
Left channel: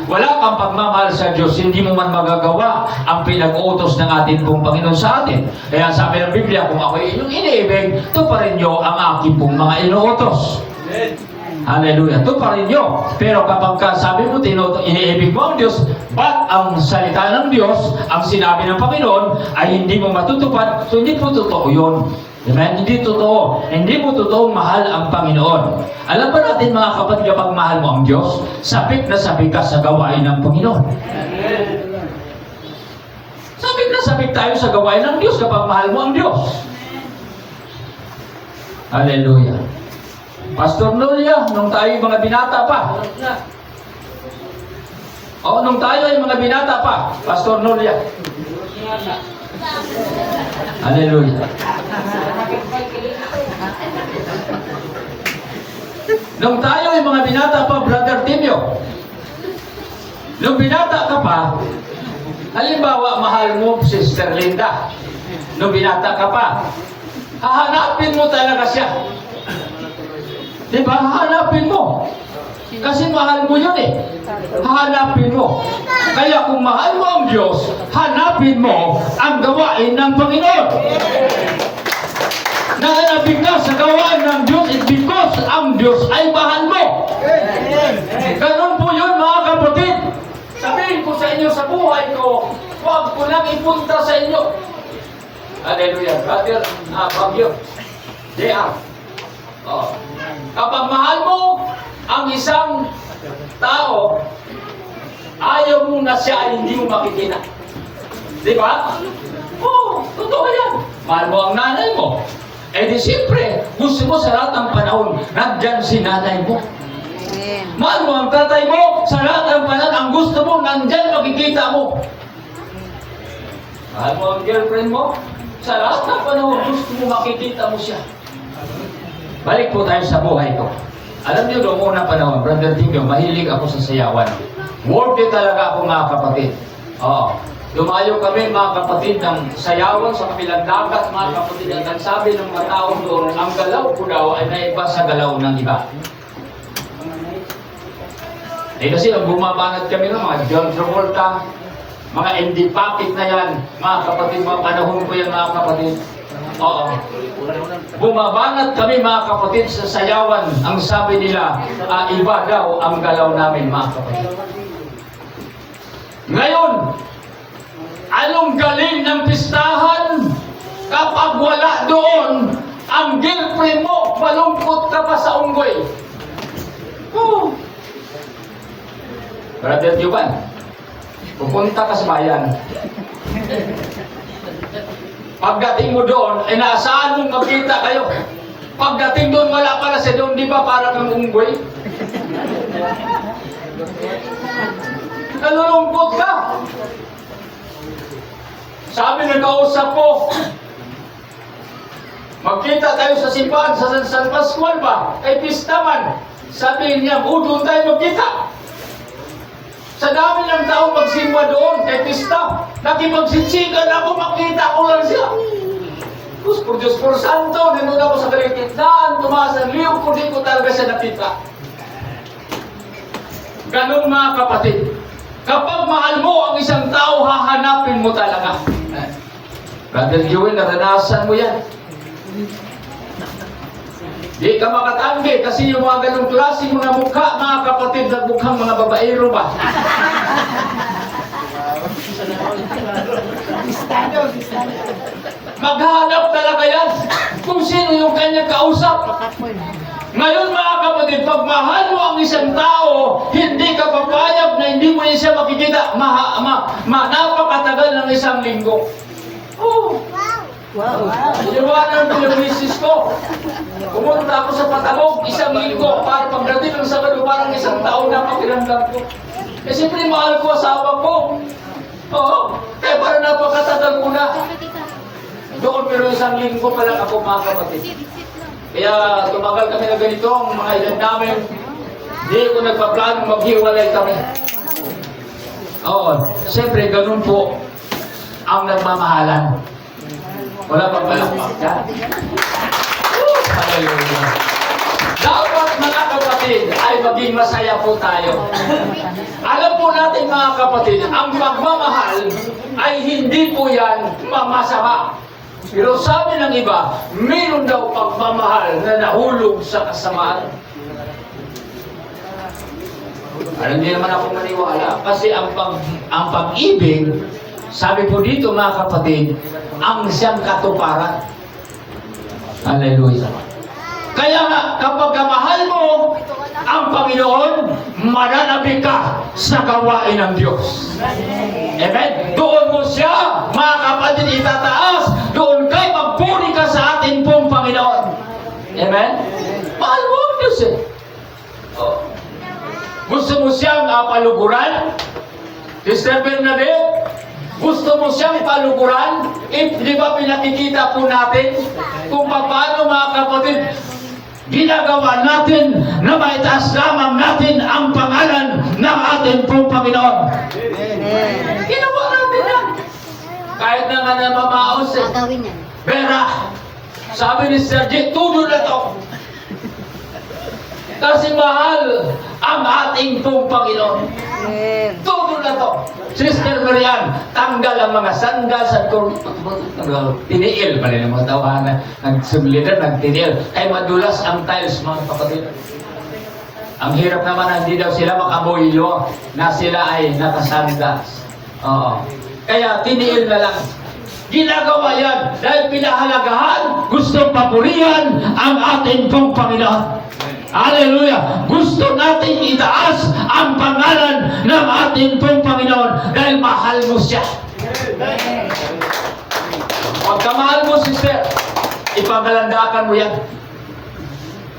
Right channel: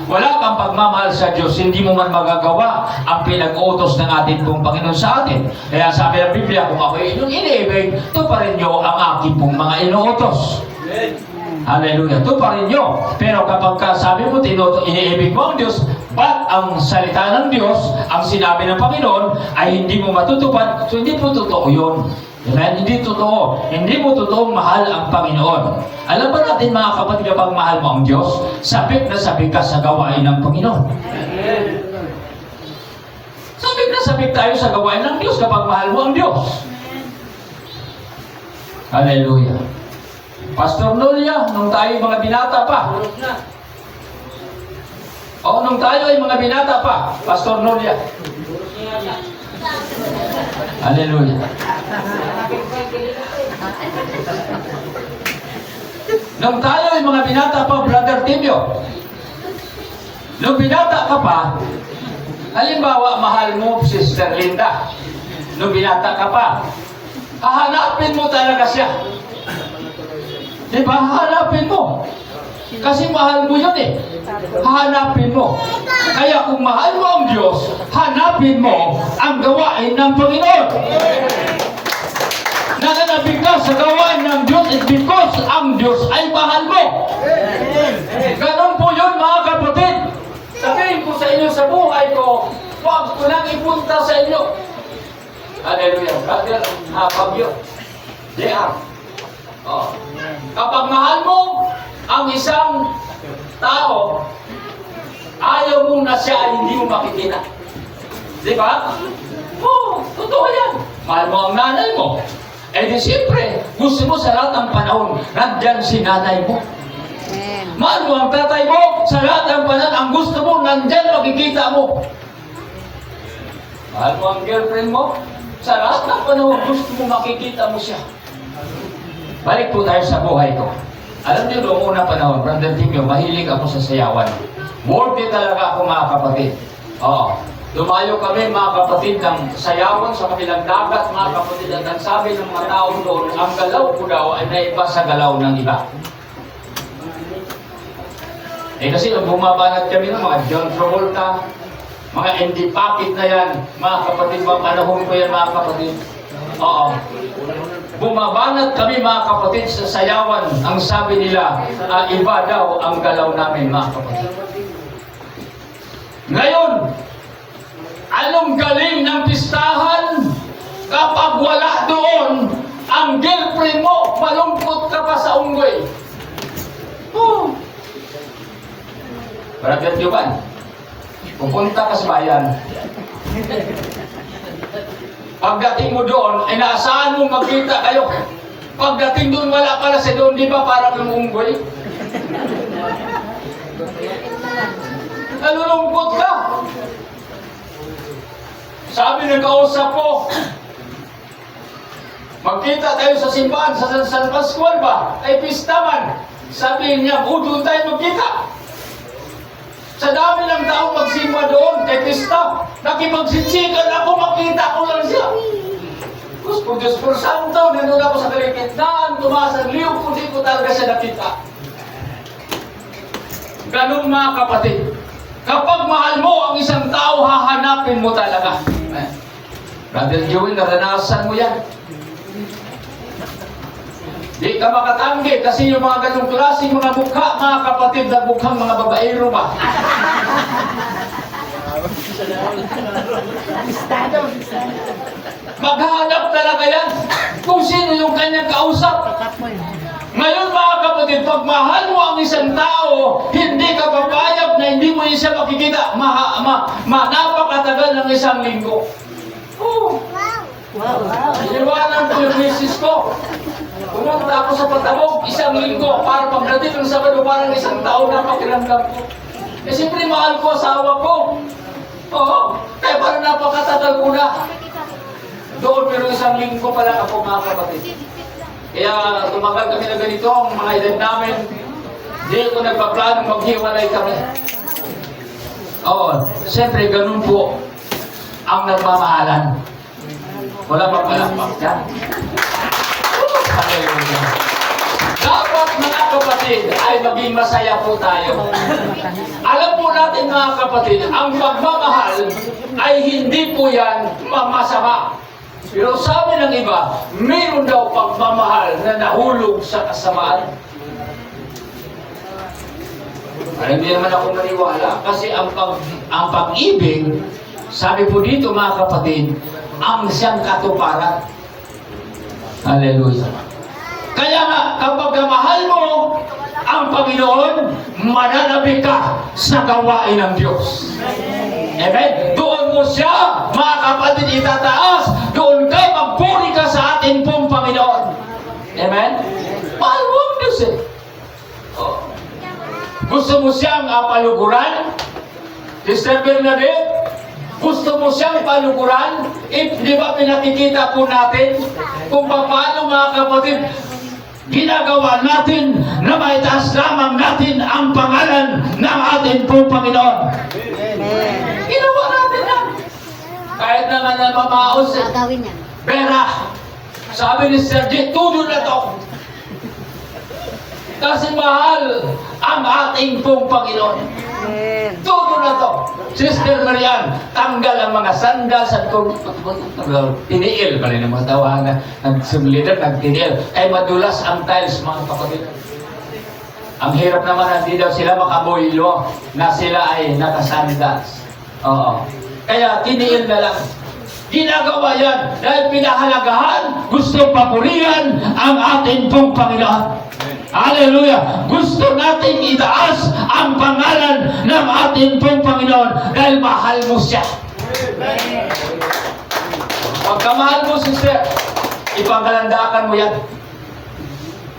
wala kang pagmamahal sa Diyos, hindi mo man magagawa ang pinag-utos ng ating pong Panginoon sa atin. Kaya sabi ng Biblia, kung ako inyong iniibig, tuparin nyo ang aking pong mga inuutos. Hallelujah. Tuparin nyo. Pero kapag sabi mo, iniibig mo ang Diyos, but ang salita ng Diyos, ang sinabi ng Panginoon, ay hindi mo matutupad, so hindi po totoo yun. Amen? Hindi totoo. Hindi mo totoong mahal ang Panginoon. Alam ba natin, mga kapatid, kapag mahal mo ang Diyos, sabik na sabik ka sa gawain ng Panginoon. Sabik na sabik tayo sa gawain ng Diyos kapag mahal mo ang Diyos. Hallelujah. Pastor Nolia, nung tayo mga binata pa. Nung tayo ay mga binata pa. Pastor Nolia. Hallelujah. Nung tayo ay mga binata pa, Brother Timio, nung binata ka pa, halimbawa, mahal mo Sister Linda, nung binata ka pa, hahanapin mo talaga siya. Di ba? Hahanapin mo. Kasi mahal mo yun eh. Hahanapin mo. Kaya kung mahal mo ang Diyos, hanapin mo ang gawain ng Panginoon. Nahanapin ka sa gawain ng Diyos is because ang Diyos ay mahal mo. Ganon po yun mga kapatid. Sabihin ko sa inyo sa buhay ko, huwag ko lang ipunta sa inyo. Hallelujah. Brother Fabio. J.R. Oh. Kapag mahal mo ang isang tao, ayaw mo na siya ay hindi mo makikita. Di ba? Oo, totoo yan. Mahal mo ang nanay mo. Eh di siyempre, gusto mo sa lahat ng panahon, nandyan si nanay mo. Mahal mo ang tatay mo, sa lahat ng panahon, ang gusto mo, nandyan makikita mo. Mahal mo ang girlfriend mo, sa lahat ng panahon, gusto mo makikita mo siya. Balik po tayo sa buhay ko. Alam niyo, noong unang panahon, Brother Timio, mahilig ako sa sayawan. Worthy talaga ako mga kapatid. Oo. Lumayo kami mga kapatid ng sayawan sa kabilang dagat, mga kapatid. At ang sabi ng mga tao doon, ang galaw ko daw ay naiba sa galaw ng iba. Eh kasi ang bumabanat kami ng mga John Travolta, mga Andy Pocket na yan, mga kapatid, mga panahon ko yan mga kapatid. Oo. Bumabanat kami mga kapatid sa sayawan. Ang sabi nila, iba daw ang galaw namin mga kapatid. Ngayon, anong galing ng pistahan kapag wala doon ang girlfriend mo, malungkot ka pa sa unggoy? Oh. Brother Juban, pupunta ka sa bayan. Pagdating mo doon, inaasahan mong magkita kayo. Pagdating doon, wala pala siya doon, di ba parang yung unggoy? Nalulungkot ka. Sabi ng kausap ko, magkita tayo sa simbahan, sa San Pascual ba? Ay pistaman. Sabi niya, doon tayo magkita. Sa dami ng taong magsimba doon, kay pista, nakipagsitsikan ako, makita ko lang siya. Diyos por Santo, dinun ako sa kaligitnaan, tumaas ang liyog, kundi ko talaga siya nakita. Ganun mga kapatid. Kapag mahal mo ang isang tao, hahanapin mo talaga. Brother Joey, naranasan mo yan. Di ka makatanggi kasi yung mga ganong klase mga mukha, mga kapatid, na mukhang mga babaero ba? Maghanap talaga yan kung sino yung kanyang kausap. Ngayon mga kapatid, pag mahal mo ang isang tao, hindi ka papayag na hindi mo siya makikita. Napakatagal ng isang linggo. Oh. Wow. Iniwanan ko yung misis ko. Pumunta ako sa Patabog, isang linggo, para pagdating ng Sabado, parang isang taon na pakiramdam ko. Eh siyempre mahal ko asawa ko. Oo, kaya parang napakatagal ko na. Doon pero isang linggo pa lang ako mga kapatid. Kaya tumagal kami na ganito, ang mga edad namin. Hindi ko nagpaplanong maghiwalay kami. Oo, siyempre ganun po ang nagmamahalan. Wala pang malakpak dyan. Hallelujah. Dapat mga kapatid ay maging masaya po tayo. Alam po natin mga kapatid, ang pagmamahal ay hindi po yan masama. Pero sabi ng iba, mayroon daw pagmamahal na nahulog sa kasamaan. Hindi naman ako maniwala kasi ang pag-ibig, sabi po dito mga kapatid, ang siyang katuparan. Hallelujah. Kaya nga, kapag mahal mo ang Panginoon, mananabik ka sa gawain ng Diyos. Amen? Doon mo siya, mga kapatid, itataas. Doon ka, magpuri ka sa atin pong Panginoon. Amen? Mahal mo ang Diyos eh. Oh. Gusto mo siyang paluguran? Sister Bernadette, gusto mo siyang paluguran? Di ba pinakikita po natin kung paano mga kapatid, ginagawa natin na maitaas lamang natin ang pangalan ng ating pong Panginoon. Ginawa natin yan. Kahit na nga namamaos eh. Gagawin yan. Vera, sabi ni Sergi, tudo na to. Kasi mahal ang ating pong Panginoon. Tudo na to. Sister Marian, tanggal ang mga sandal sa tiniil. Bali ng mga tawanan, nagsimulidad, nagtiniil. Ay madulas ang tiles, mga kapatid. Ang hirap naman, hindi daw sila makaboylo na sila ay nakasandas. Oo. Kaya tiniil na lang. Ginagawa yan dahil pinahalagahan, gustong papurihan ang ating pong Panginoon. Hallelujah! Gusto nating itaas ang pangalan ng ating pong Panginoon dahil mahal mo siya. Pagkamahal mo, sister, ipagalandakan mo yan.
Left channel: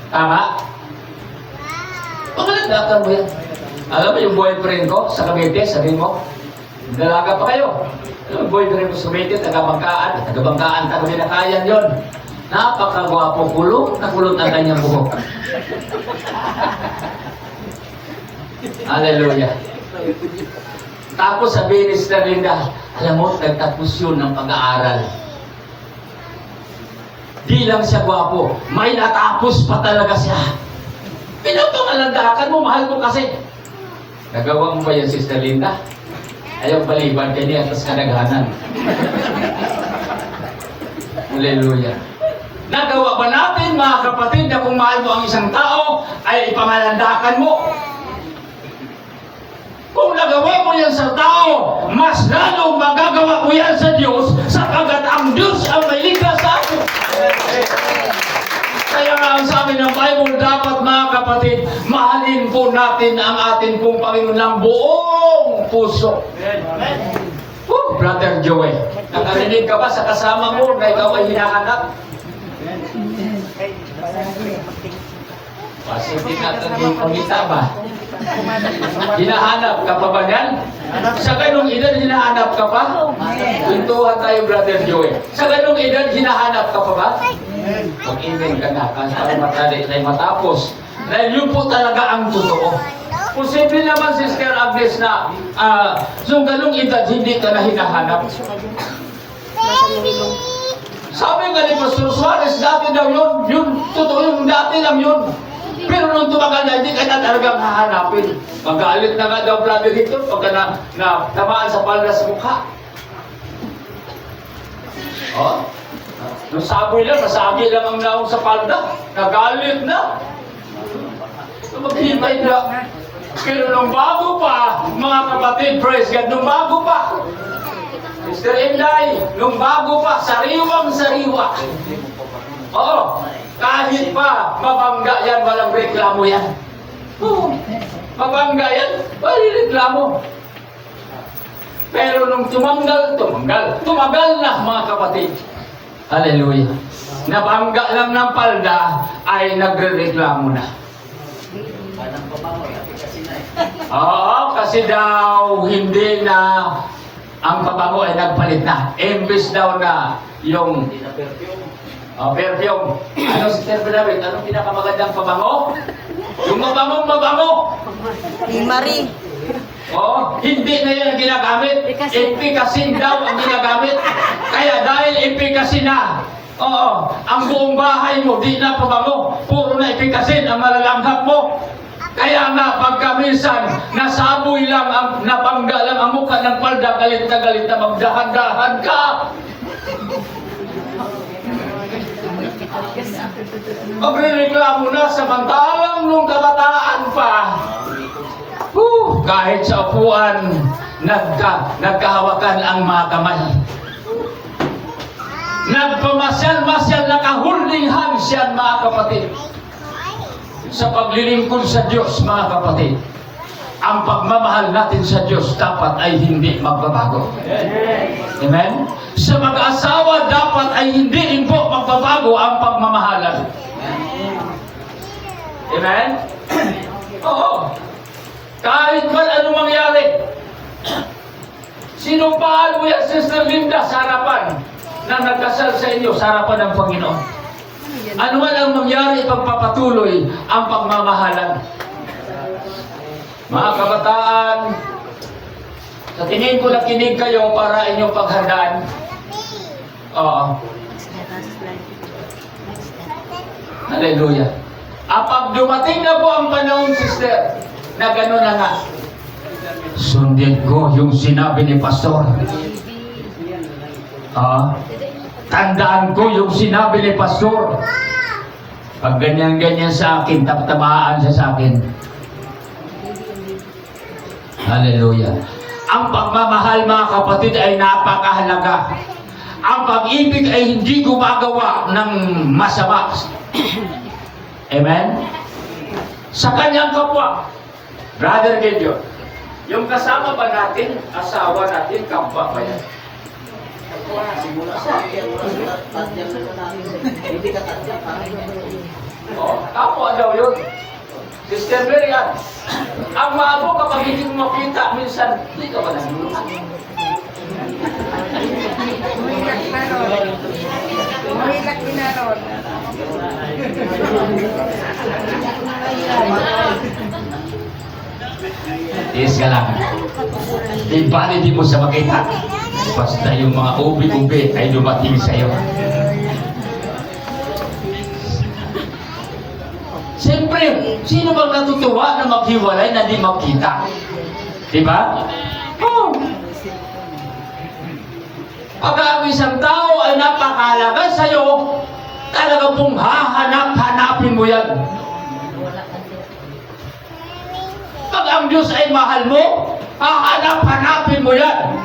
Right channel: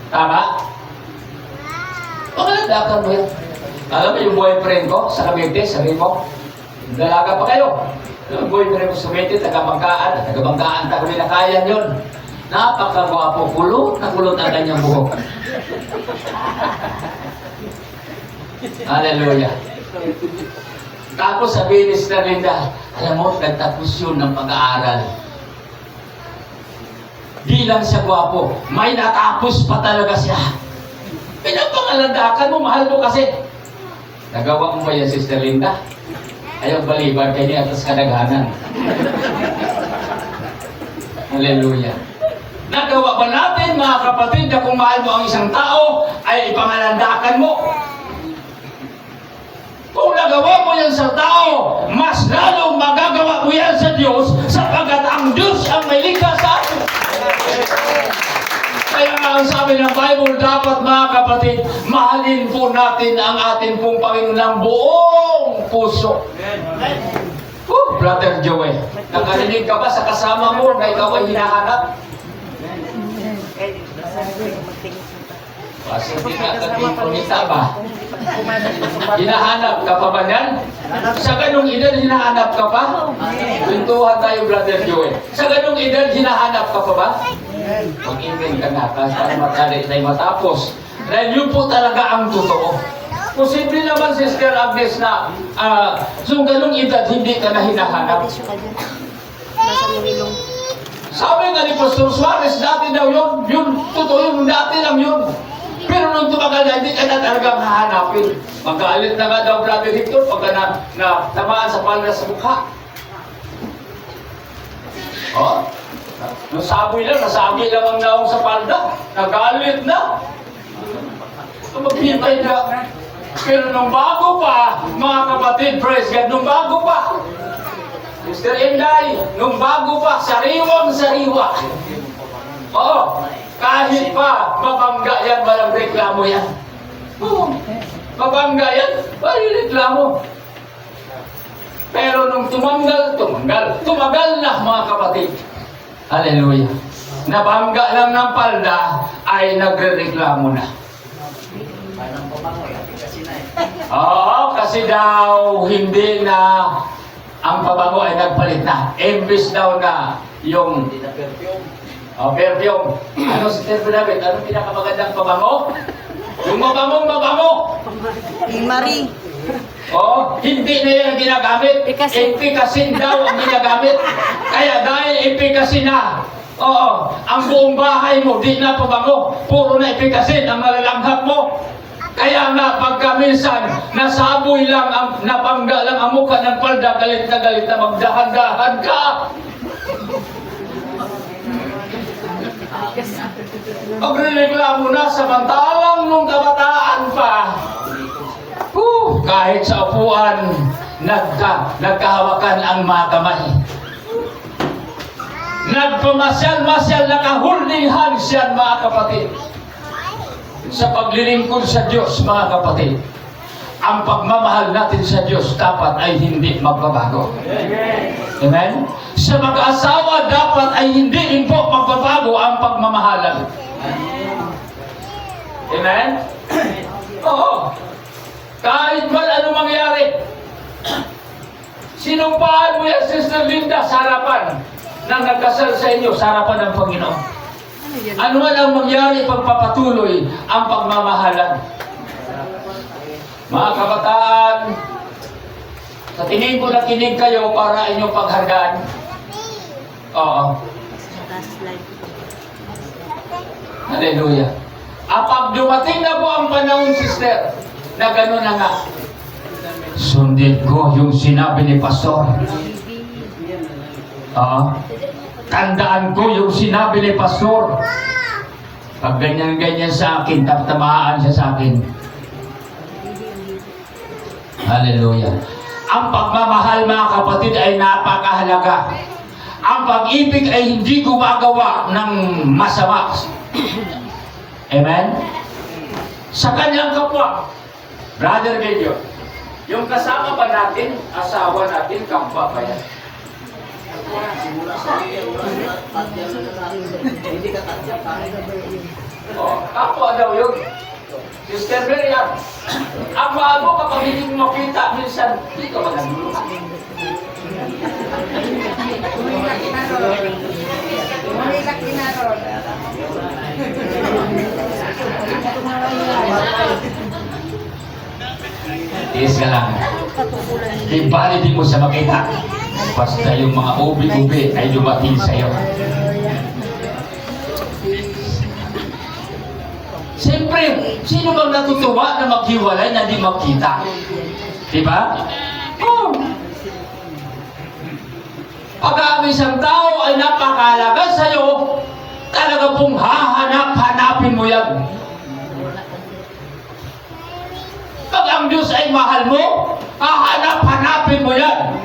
Tama? Pagalandakan mo yan. Alam mo yung boyfriend ko sa Cavite, sabi mo, dalaga pa kayo. Alam mo, boyfriend ko sa Cavite, taga-bangkaan, taga-binakayan yun. Napakagwapo, kulot na kulot ang kanyang buhok. Hallelujah. Tapos sabihin ni Sister Linda, alam mo, nagtapos yun ng pag-aaral. Di lang siya gwapo, may natapos pa talaga siya. Pinapangalandakan mo, mahal mo kasi. Nagawa mo ba yan, Sister Linda? Ayaw baliban kayo niya atas kadaghanan. Hallelujah. Nagawa ba natin, mga kapatid, na kung mahal mo ang isang tao, ay ipangalandakan mo? Kung nagawa mo yan sa tao, mas lalong magagawa mo yan sa Diyos, sapagkat ang Diyos ang may likha sa atin. Kaya nga ang sabi ng Bible, dapat mga kapatid, mahalin po natin ang ating pong Panginoon ng buong puso. Brother Joey, nakarinig ka ba sa kasama mo na ikaw ay hinahanap? Kasi hindi ka naging pangita ba? Hinahanap ka pa ba yan? Sa ganung edad, hinahanap ka pa? Tuntuhan tayo, Brother Joey. Sa ganung edad, hinahanap ka pa ba? Mag-email ka na, para matapos. Dahil yun po talaga ang totoo. Posible naman, Sister Agnes, na sa ganung edad, hindi ka na hinahanap. Nasa mulong. Sabi nga ni Pastor Suarez, dati daw yun, totoo yung dati lang yun. Pero nung tumagal na, hindi ka na talagang hahanapin. Magkaalit na nga daw, Brother Hector, pagka na tamaan sa palda sa mukha. Oh, nung saboy lang, nasagi lang ang naong sa palda. Nagalit na. Magpipay na. Pero nung bago pa, mga kapatid, praise God, nung bago pa, Mr. Inday, nung bago pa, sariwang-sariwa. Oo, kahit pa mabangga yan, walang reklamo yan. Oo, mabangga yan, walang reklamo. Pero nung tumagal na mga kapatid. Hallelujah. Nabangga lang ng palda, ay nagre-reklamo na. Oo, kasi daw hindi na ang pabango ay nagpalit na. Imbis daw na yung perfume. Ano si Terpe David? Anong pinakamagandang pabango? Yung mabango. Marie. Oh, hindi na yan ginagamit. Efficacy daw ang ginagamit. Kaya dahil efficacy na, oo, ang buong bahay mo, di na pabango. Puro na efficacy ang malalanghap mo. Kaya nga, pagka minsan, nasaboy lang, nabangga lang ang mukha ng palda, galit na magdahan-dahan ka. Magreklamo na, samantalang nung kabataan pa, kahit sa upuan, nagkahawakan ang mga kamay. Nagpamasyal-masyal, nakaholding hands yan, mga kapatid. Sa paglilingkod sa Diyos, mga kapatid, ang pagmamahal natin sa Diyos dapat ay hindi magbabago. Amen? Sa mag-asawa dapat ay hindi rin po magbabago ang pagmamahalan. Amen? Oo. Kahit man ano mangyari, sinumpaan mo yan, Sister Linda, sa harapan na nagkasal sa inyo, sa harapan ng Panginoon. Ano man ang mangyari, pagpapatuloy ang pagmamahalan. Mga kabataan, sa tingin ko nakinig kayo para inyong paghandaan. Oo. Hallelujah. Pag dumating na po ang panahon, sister, na gano'n na nga, sundin ko yung sinabi ni Pastor. Tandaan ko yung sinabi ni Pastor. Pag ganyan-ganyan sa akin, tamaan siya sa akin. Hallelujah. Ang pagmamahal, mga kapatid, ay napakahalaga. Ang pag-ibig ay hindi gumagawa ng masama. Amen? Sa kanyang kapwa. Brother Gideon, yung kasama ba natin, asawa natin, kapwa ba yan? Kapwa daw yun. Sister Merian, ang maabo kapag hindi mo makita, minsan, hindi ka ba nagulungan? Murilak kinaron. Tiis ka lang. Di bali di mo siya makita. Basta yung mga ubi-ubi ay dumating sa'yo. Siyempre, sino bang natutuwa na maghiwalay na di magkita? Diba? Oh. Pag ang isang tao ay napakalaga sa'yo, talaga pong hahanap-hanapin mo yan. Pag ang Diyos ay mahal mo, hahanap-hanapin mo yan.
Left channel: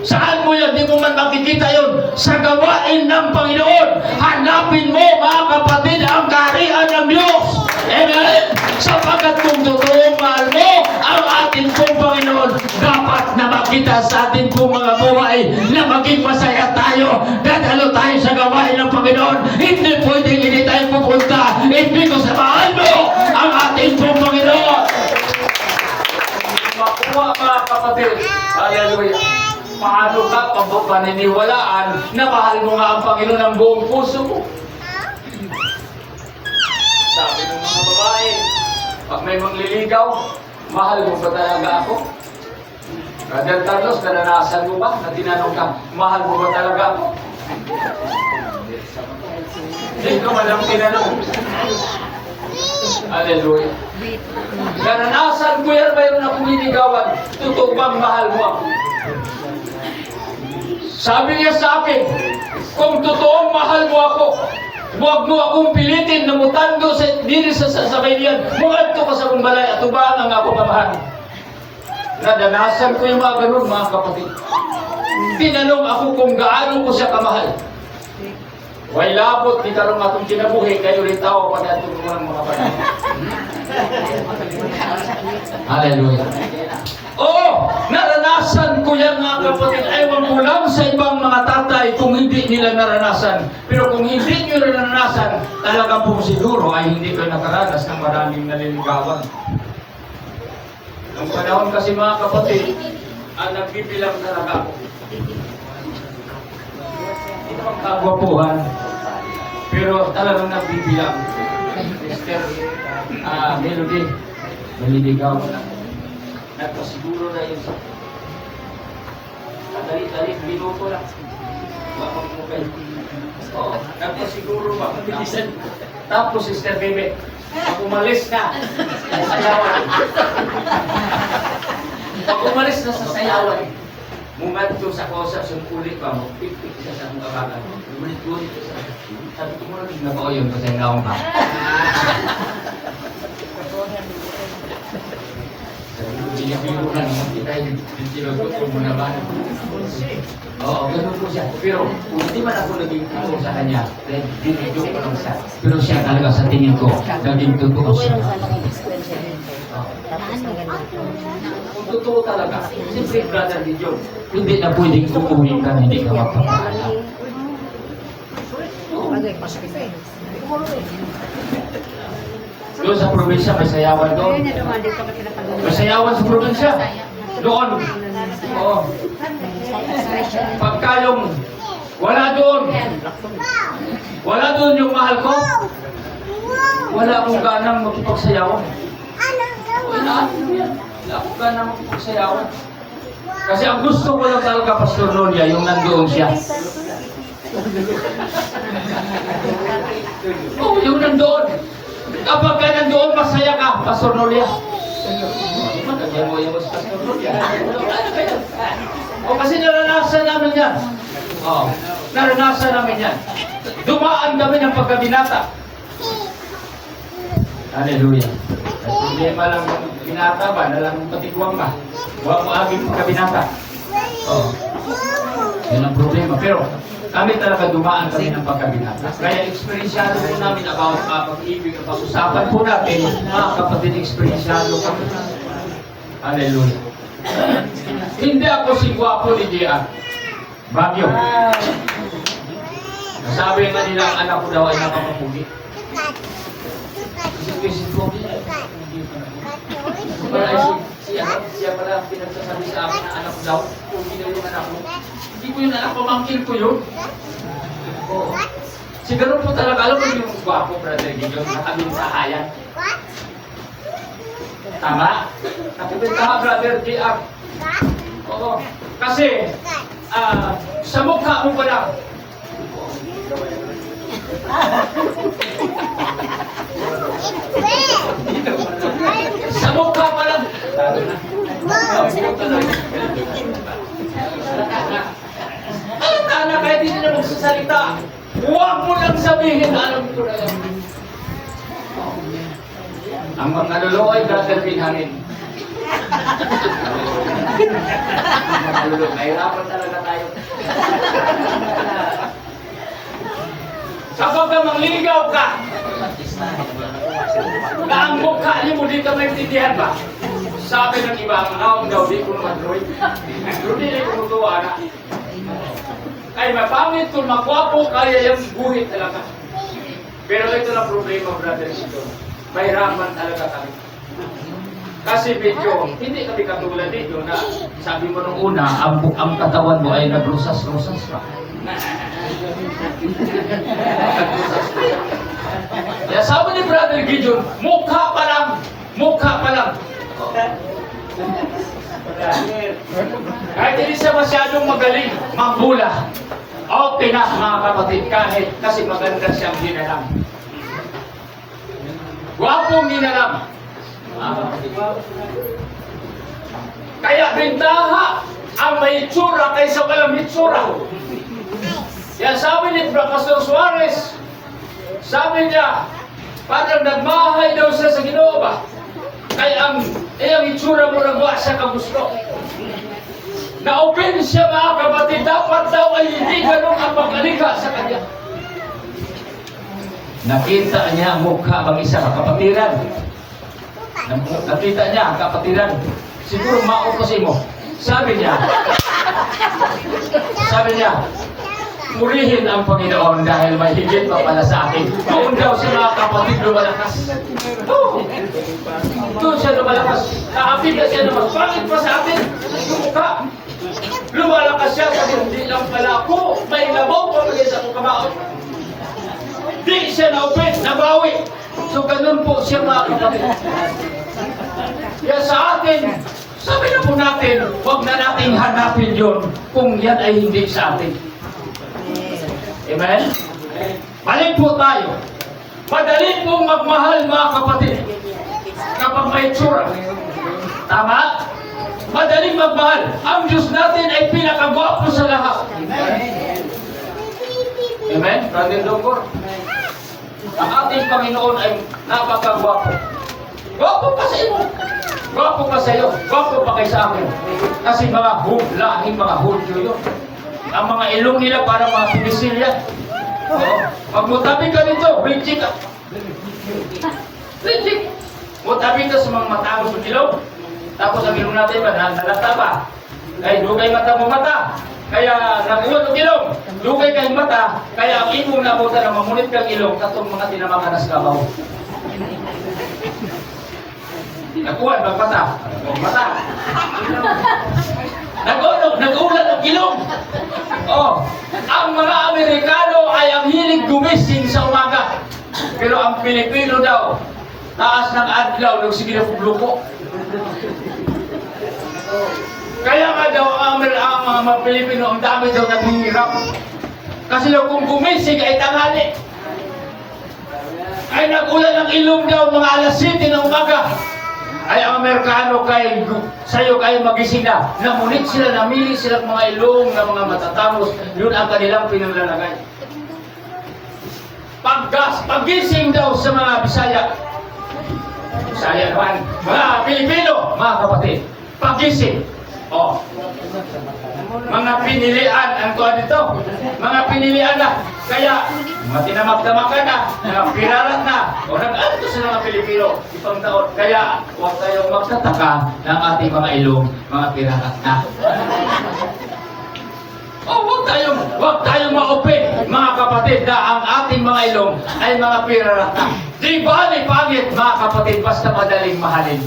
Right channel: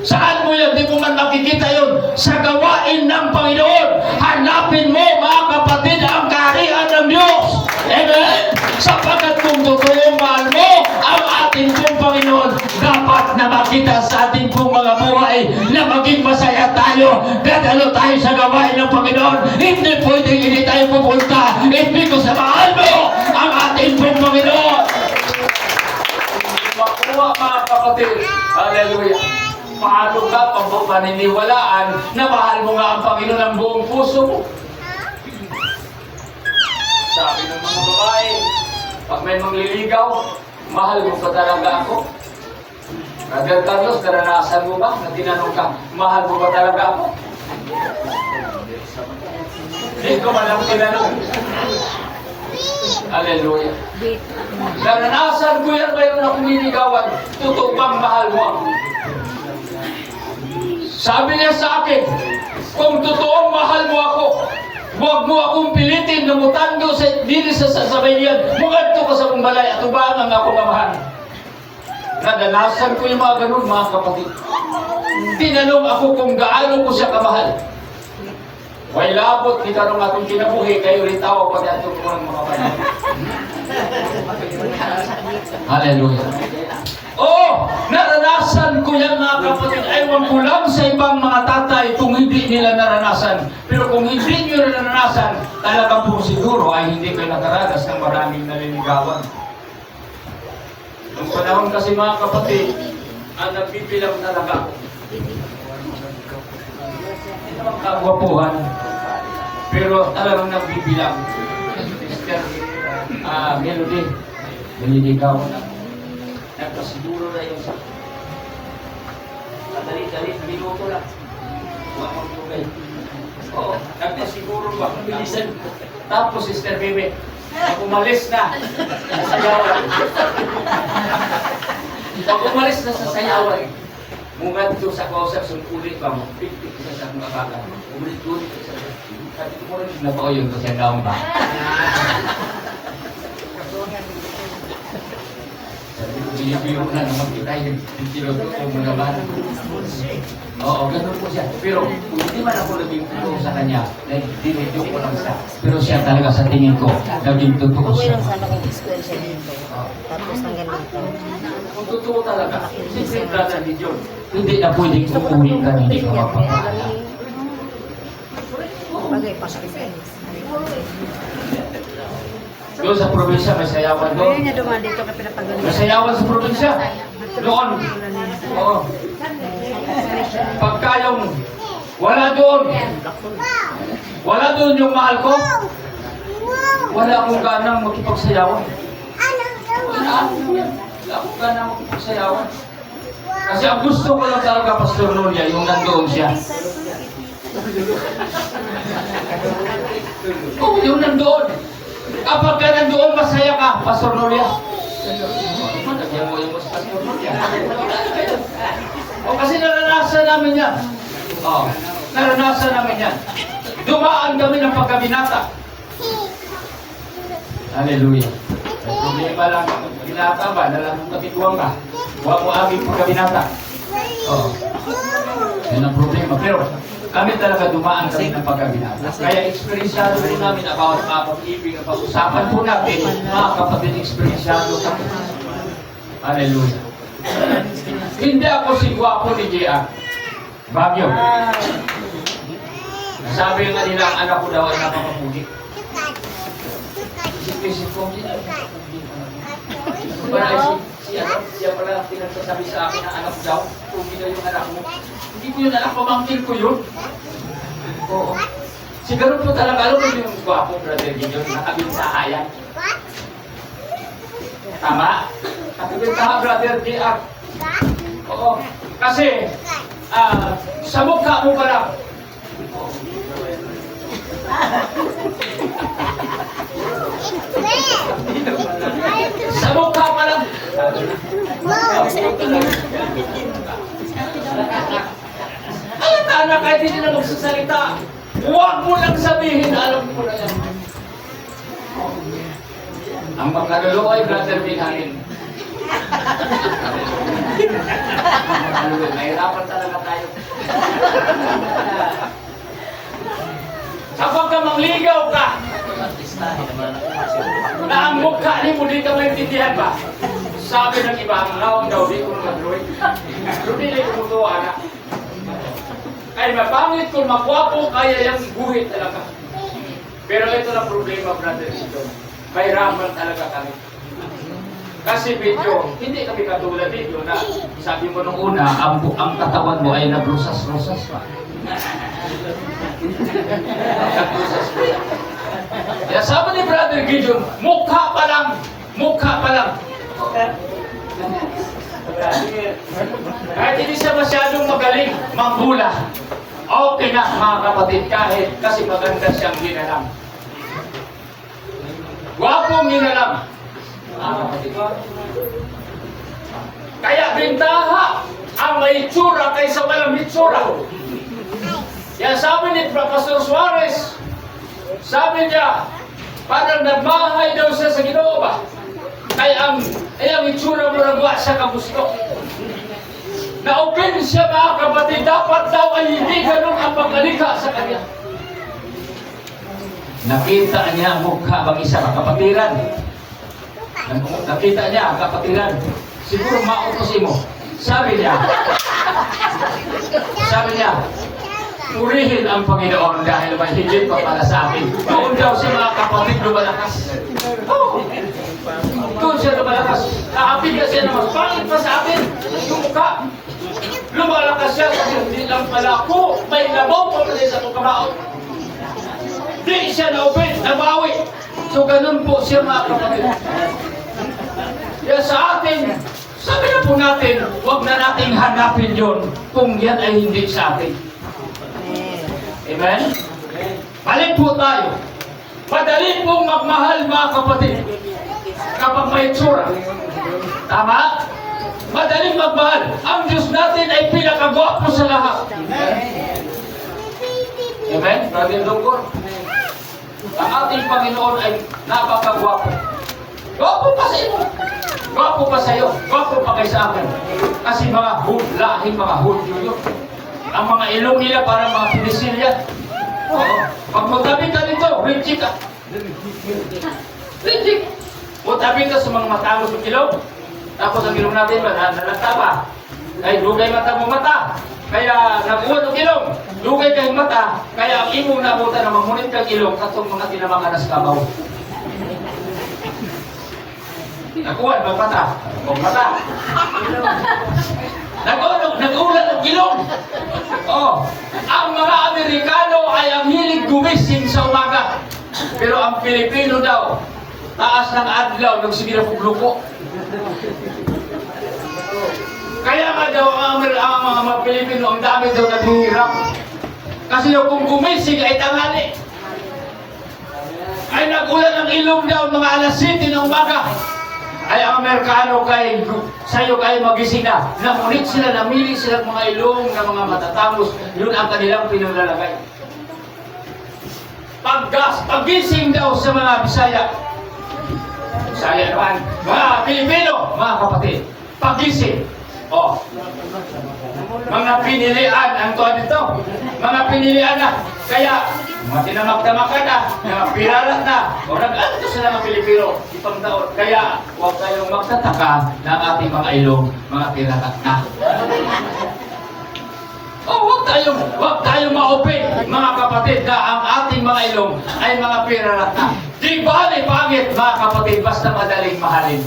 Saan mo yan? Di mo man makikita yun. Sa gawain ng Panginoon, hanapin mo, mga kapatid, ang kaharian ng Diyos. Amen? Sapagkat kung totoo mahal mo ang ating pong Panginoon, dapat na makita sa ating pong mga buhay na maging masaya tayo. Dadalo tayo sa gawain ng Panginoon. Hindi pwedeng hindi tayo pupunta. Hindi ko sa mahal mo ang ating pong Panginoon. Makuha, mga kapatid. Hallelujah. Paano ka paniniwalaan na mahal mo nga ang Panginoon ng buong puso mo? Sabi ng mga babae, pag may mangliligaw, mahal mo ba talaga ako? Brother Carlos, naranasan mo ba na tinanong ka, mahal mo ba talaga ako? Hindi ko man lang tinanong. Hallelujah. Naranasan ko yan, mayroon akong niligawan, totoo bang mahal mo ako? Sabi niya sa akin, kung totoong mahal mo ako, huwag mo akong pilitin na mutando sa dili sa sasabay niyan. Mugadto ka sa kong balay at ubaan ang ako kamahal. Nadanasan ko yung mga ganun, mga kapatid. Tinanong ako kung gaano ko siya kamahal. Way labot, ni karong atong kinabuhi, kayo ritaw pa dito ng mga panahon. Hallelujah. Oh, naranasan ko yan, mga kapatid. Ewan ko lang sa ibang mga tatay kung hindi nila naranasan. Pero kung hindi nyo naranasan, talaga po siguro ay hindi kayo nakaranas ng maraming naliligawan. Ang panahon kasi, mga kapatid, ang nagbibilang talaga ako. Hindi naman kagwapuhan, pero talagang nagbibilang. Mr. Melody, naliligaw na. Nagpasiguro na yun sa kadali-dali, minuto lang. Wapag mo kayo. Oo, nagpasiguro ba? Tapos, Sister Bebe, pag umalis na sa sayawan. Pag umalis na sa sayawan, mungad ko sa kausap, sungkulit pa mo, pipik ka sa mga kaka. Ulit-ulit ka sa mga. Sabi ko mo na, nabao yun kasi ang naong ba? Binibiro na naman kita, hindi magtutong mo naman. Oo, ganun po siya. Pero kung hindi man ako naging totoo sa kanya, dahil dinudyo ko lang siya. Pero siya talaga sa tingin ko, naging totoo Okay siya. lang sana kung school siya dito. Tapos ng ganito. Kung totoo talaga, siyempre brother ni John, hindi na pwedeng tukuhin ka, hindi ka magpapala. Bagay pa siya. Doon sa probinsya, may sayawan doon. May sayawan sa probinsya. Doon. Oo. Pagka yung wala doon doon yung mahal ko? Wala akong ganang makipagsayawan. Wala akong ganang makipagsayawan. Kasi ang gusto ko lang talaga, Pastor Nolia, yung nandoon siya. Oo, yung nandoon. Kapag ka nandoon, masaya ka, Pastor Nolia. Nagyan mo yung Pastor Nolia. O kasi naranasan namin yan. Oo, naranasan namin yan. Dumaan kami ng pagkabinata. Hallelujah. May problema lang yung binata ba, nalang kapitwang ka. Huwag mo aging pagkabinata. Oo. Yan ang problema. Pero kami talaga dumaan kami ng pagkabinata. Kaya experiensyado po namin about pag-ibig at pag-usapan po natin, mga kapatid, experiensyado kami. Hallelujah. Hindi ako si Guapo ni Gia. Bagyo. Sabi nga nila, ang anak ko daw ay nakakapugi. Isip ko, siya pala pinagsasabi sa akin na anak ko daw, pugi daw yung anak mo. Hindi ko yun anak, pamangkin ko yun. Oo. Siguro po talaga, alam mo yung Guapo, Brother Gideon, nakabintahayan. Tama? Nakabintaha, Brother G.R. Oo. Kasi, sa mukha mo pa lang, sa mukha pa lang. Alam na anak, kahit hindi na magsasalita, huwag mo lang sabihin na alam ko na yan. Ang mga nalolo ay Brother Binhanin. Mahirapan talaga tayo. Kapag ka mangligaw ka, na ang mukha ni mo di ka maintindihan ba? Sabi ng iba, naong daw di ko madroy. Pero di ko tutuwa na. Ay mapangit kung makwapo, kaya yung guhit talaga. Pero ito na problema, Brother Sito. Mahirapan talaga kami. Kasi medyo, hindi kami katulad dito na sabi mo nung una, ang katawan mo ay nagrusas-rusas pa. Kaya sabi ni Brother Gideon, mukha pa lang. Kahit hindi siya masyadong magaling, manghula. Okay na mga kapatid, kahit kasi maganda siyang ginalam. Gwapong ginalam. Kaya bintaha ang may itsura kaysa walang itsura. Yan sabi ni Pastor Suarez, sabi niya, parang nagmahay daw siya sa Ginoo ba? Kaya ang itsura mo nagwa siya kagusto. Na-open siya mga kapatid, dapat daw ay hindi ganun ang pag-alika sa kanya. Nakita niya ang mukha mag-isa, kapatiran. Nakita niya ang kapatiran. Siguro mautosin mo. Sabi niya, purihin ang Panginoon dahil may higit pa pala sa akin. Doon daw sa mga kapatid lumalakas. Doon siya lumalakas. Nakapit na siya naman. Bakit pa sa akin? Yung mukha. Lumalakas siya kasi hindi lang pala ako. May labaw pa rin sa mukha kamao. Di siya na-open, nabawi. So ganun po siya mga kapatid. Kaya sa atin, sabi na po natin, huwag na nating hanapin yun kung yan ay hindi sa atin. Amen? Balik po tayo. Madali pong magmahal mga kapatid kapag may itsura. Tama? Madaling magmahal. Ang Diyos natin ay pinakagwapo sa lahat. Amen? Brother Dongor? Ang ating Panginoon ay napakagwapo. Gwapo pa sa iyo. Gwapo pa sa iyo. Gwapo pa kay sa akin. Kasi mga lahing mga Hudyo yun. Ang mga ilong nila para mga pinisilyan. Oo. Pag matabi ka nito, rinchik ka. Rinchik. Matabi ka sa mga matangos ng ilong. Tapos ang ilong natin ba, nalata ba? Ay, dugay mata mo mata. Kaya nakuha ng ilong. Dugay kay mata. Kaya ang imong nabuta na mamunit kang ilong katong mga tinamakanas kamaw. Nakuha ng mata. O mata. Nag-ulan ng ilong. Oh, ang mga Amerikano ay ang hilig gumising sa umaga. Pero ang Pilipino daw, taas ng adlaw, nagsige na pagluko. Kaya nga daw, ang mga Pilipino, ang dami daw naghihirap. Kasi daw kung gumising ay tanghali, ay nagulan ng ilong daw mga alas 7 ng umaga. Ay ang Amerikano kay sa'yo kayo magising na. Namunit sila, namili sila ng mga ilong ng mga matatapos. Yun ang kanilang pinaglalagay. Paggising daw sa mga Bisaya. Bisaya naman, mga Pilipino, mga kapatid. Paggising. Oh. Mga pinilian, ang tuwa dito. Mga pinilian na. Kaya, mga tinamag-tamakan na, mga pirarat na. O nag-anto sa mga Pilipino, ipang taon. Kaya, huwag kayong magtataka ng ating mga ilong, mga pirarat na. Oh, huwag tayong maupig, mga kapatid, na ang ating mga ilong ay mga pirarat na. Di ba ni pangit, mga kapatid, basta madaling mahalin.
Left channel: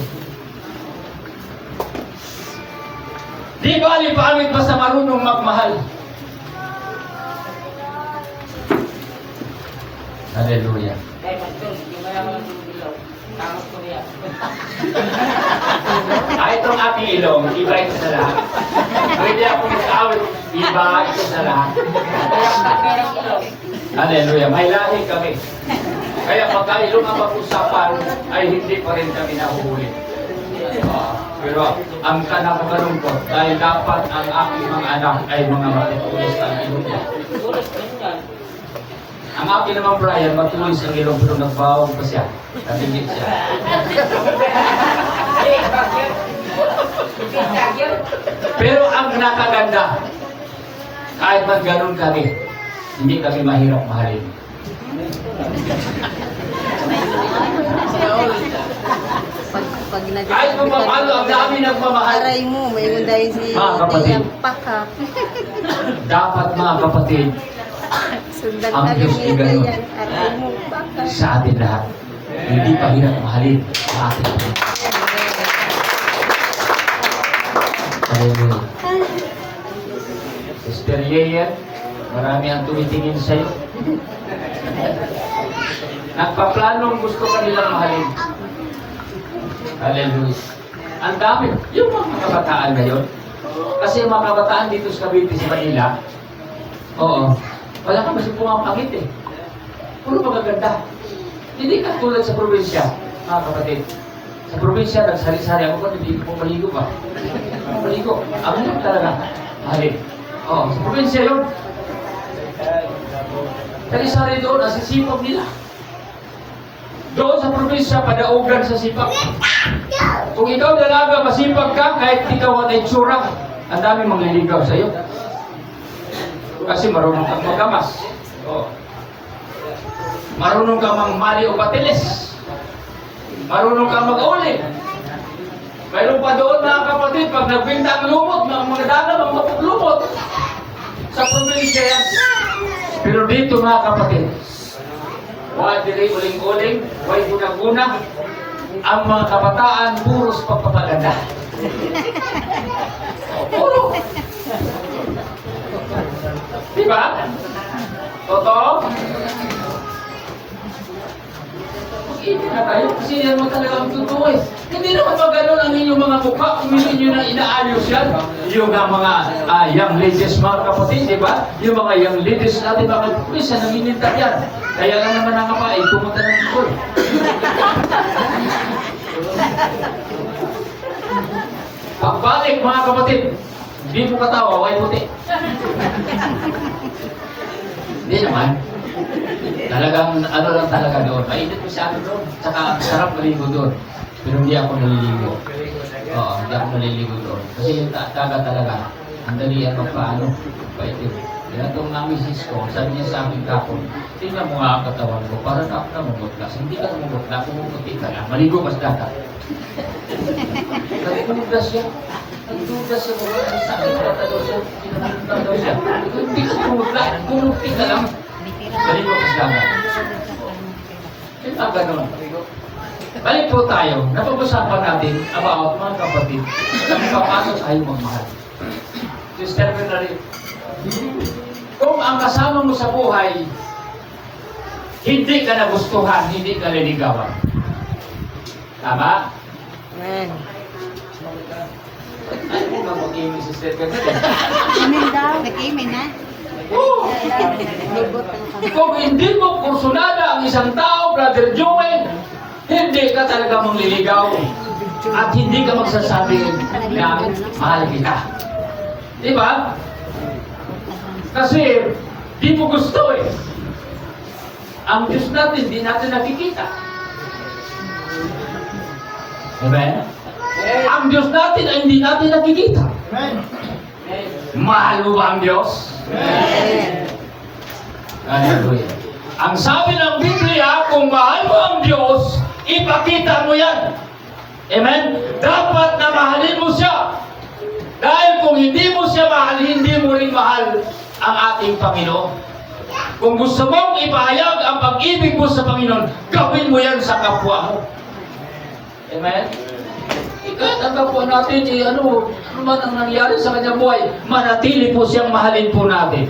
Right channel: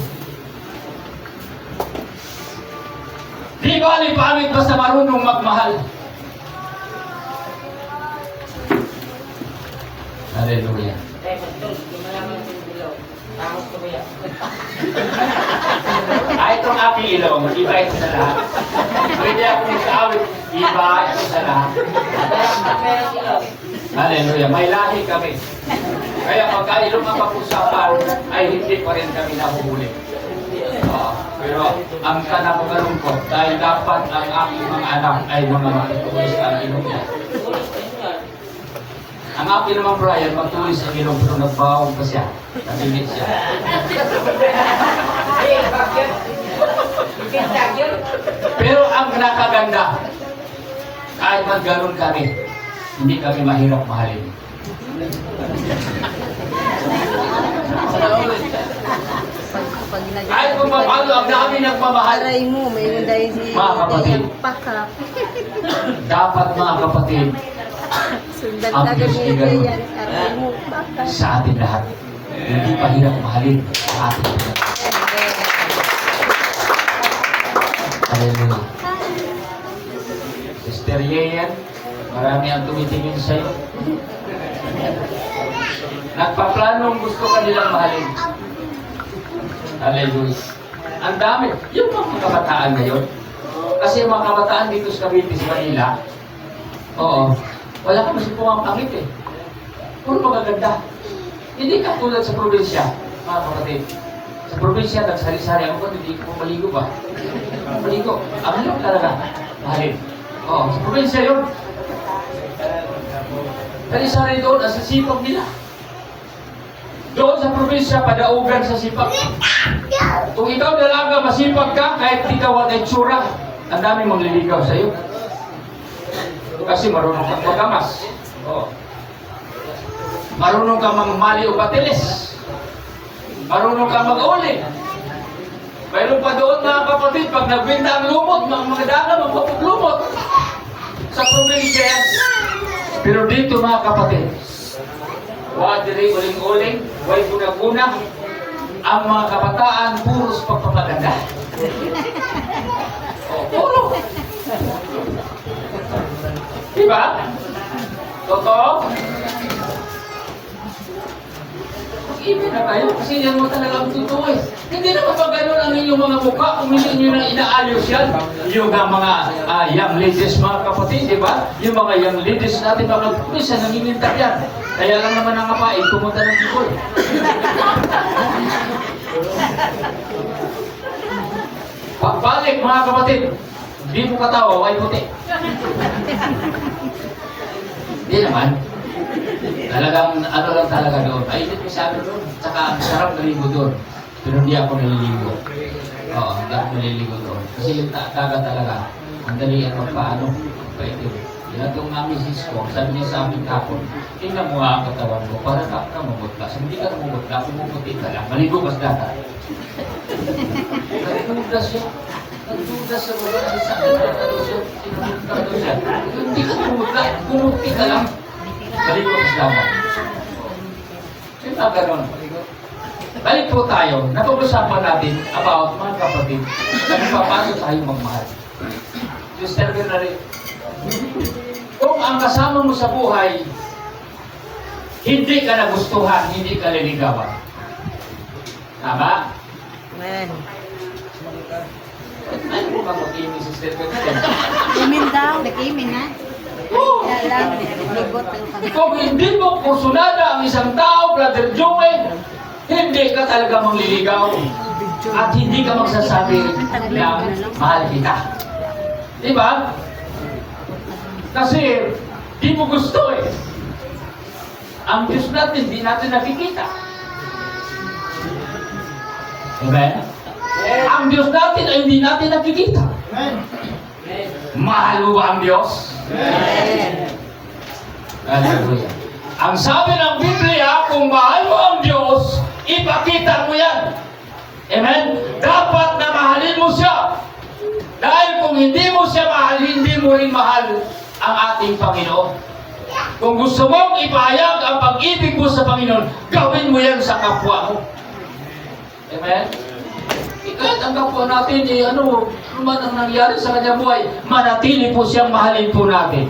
Di ba ni pangit, basta marunong magmahal. Hallelujah. Kahit itong aking ilong, iba ito sa lahat. Pwede akong nag-awit, iba ito sa lahat. Hallelujah. May lahi kami. Kaya pagka ilong ang pag-usapan, ay hindi pa rin kami nahuhuli. Pero ang kanapagkalungkot, dahil dapat ang aking mga anak ay mga matutulis ang ilong niya. Ang aking naman Brian, matulis ang ilong pero nagbawang pa siya. Nabingit siya. Pero ang nakaganda, kahit magganon kami, hindi kami mahirap mahalin. Pag Kahit kung paano, ang dami nagmamahal. aray mo, may unday si Mga kapatid. Iyang Paka. Dapat mga kapatid, Sundan Ang agad Diyos ni ay ganun. Iyang aray mo, Paka. sa atin lahat, hindi pa hirap mahalin sa atin lahat. Hallelujah. Sister Yeyen, marami ang tumitingin sa'yo. Nagpaplanong gusto ka nilang mahalin. Hallelujah. Ang dami. Yung mga kabataan ngayon, kasi yung mga kabataan dito sa Cavite, sa Manila, oo, wala ka kasi pumapangit eh. Puro magaganda. Hindi ka tulad sa probinsya, mga kapatid. Sa probinsya, nagsari-sari ako kung hindi ko maligo ba? Maligo. Ang hirap talaga. Mahalin. Oo, sa probinsya yun. Sari-sari doon, ang sisipag nila. Doon sa probinsya, padaugan sa sipag. Kung ikaw dalaga, masipag ka, kahit ikaw at itsura, ang dami mangliligaw sa iyo. Kasi marunong kang magamas. Oh. Marunong kang mangmali o patilis. Marunong kang mag-uli. Mayroon pa doon mga kapatid, pag nagbinta ang lumot, mga daga, mga paglumot. Sa probinsya yan. Pero dito mga kapatid, wala diri uling-uling, way guna-guna, ang mga kabataan puros pagpapaganda. Oh, puro. Diba? Totoo? Mag-ibig na tayo kasi yan mo talagang totoo eh. Hindi naman ba ganun ang inyong mga mukha kung hindi nyo na inaayos yan? Yung mga young ladies mga kapatid, di ba? Yung mga young ladies natin mga minsan nanginintak yan. Kaya lang naman ang kapain, pumunta ng Bicol. Pagbalik mga kapatid, hindi mo katawa, way puti. Hindi naman. Talagang ano lang talaga doon. Ay, hindi sa akin doon. Tsaka sarap maligo doon. Pero hindi ako naliligo. Oo, hindi ako naliligo doon. Kasi yung dagat talaga, ang dalian magpaano, paitim. Ginagawang namin sis ko, sabi niya sa akin kapon, tingnan mo nga ang katawan ko, para ka mamutlas. Hindi ka mamutlas, pumuputi ka lang. Maligo ka sa dagat. Nagpudas siya. Nagpudas siya mga sakit na daw siya. Sinunod daw siya. Hindi ka mamutlas, pumuputi ka lang. Maligo ka sa dagat. Yung gano'n. Balik po tayo, napag-usapan natin about mga kapatid na papasok tayo magmahal. Sister Bernadette, kung ang kasama mo sa buhay hindi ka nagustuhan, hindi ka liligawan. Tama? Amen. Ay, kung mag-imig si Stephen. Imin daw. Nag-imin ha? Oo. Kung hindi mo kursunada ang isang tao, Brother Joel, hindi ka talaga mangliligaw. At hindi ka magsasabi na mahal kita. Diba? Kasi, di mo gusto eh. Ang Diyos natin, di natin nakikita. Amen? Ang Diyos natin ay hindi natin nakikita. Mahal mo ba ang Diyos? Amen. Hallelujah. Ang sabi ng Biblia, kung mahal mo ang Diyos, ipakita mo yan. Amen? Dapat na mahalin mo siya. Dahil kung hindi mo siya mahal, hindi mo rin mahal ang ating Panginoon. Kung gusto mong ipahayag ang pag-ibig mo sa Panginoon, gawin mo yan sa kapwa mo. Amen? Kahit ang kapwa natin, ano man ang nangyari sa kanyang buhay, manatili po siyang mahalin po natin.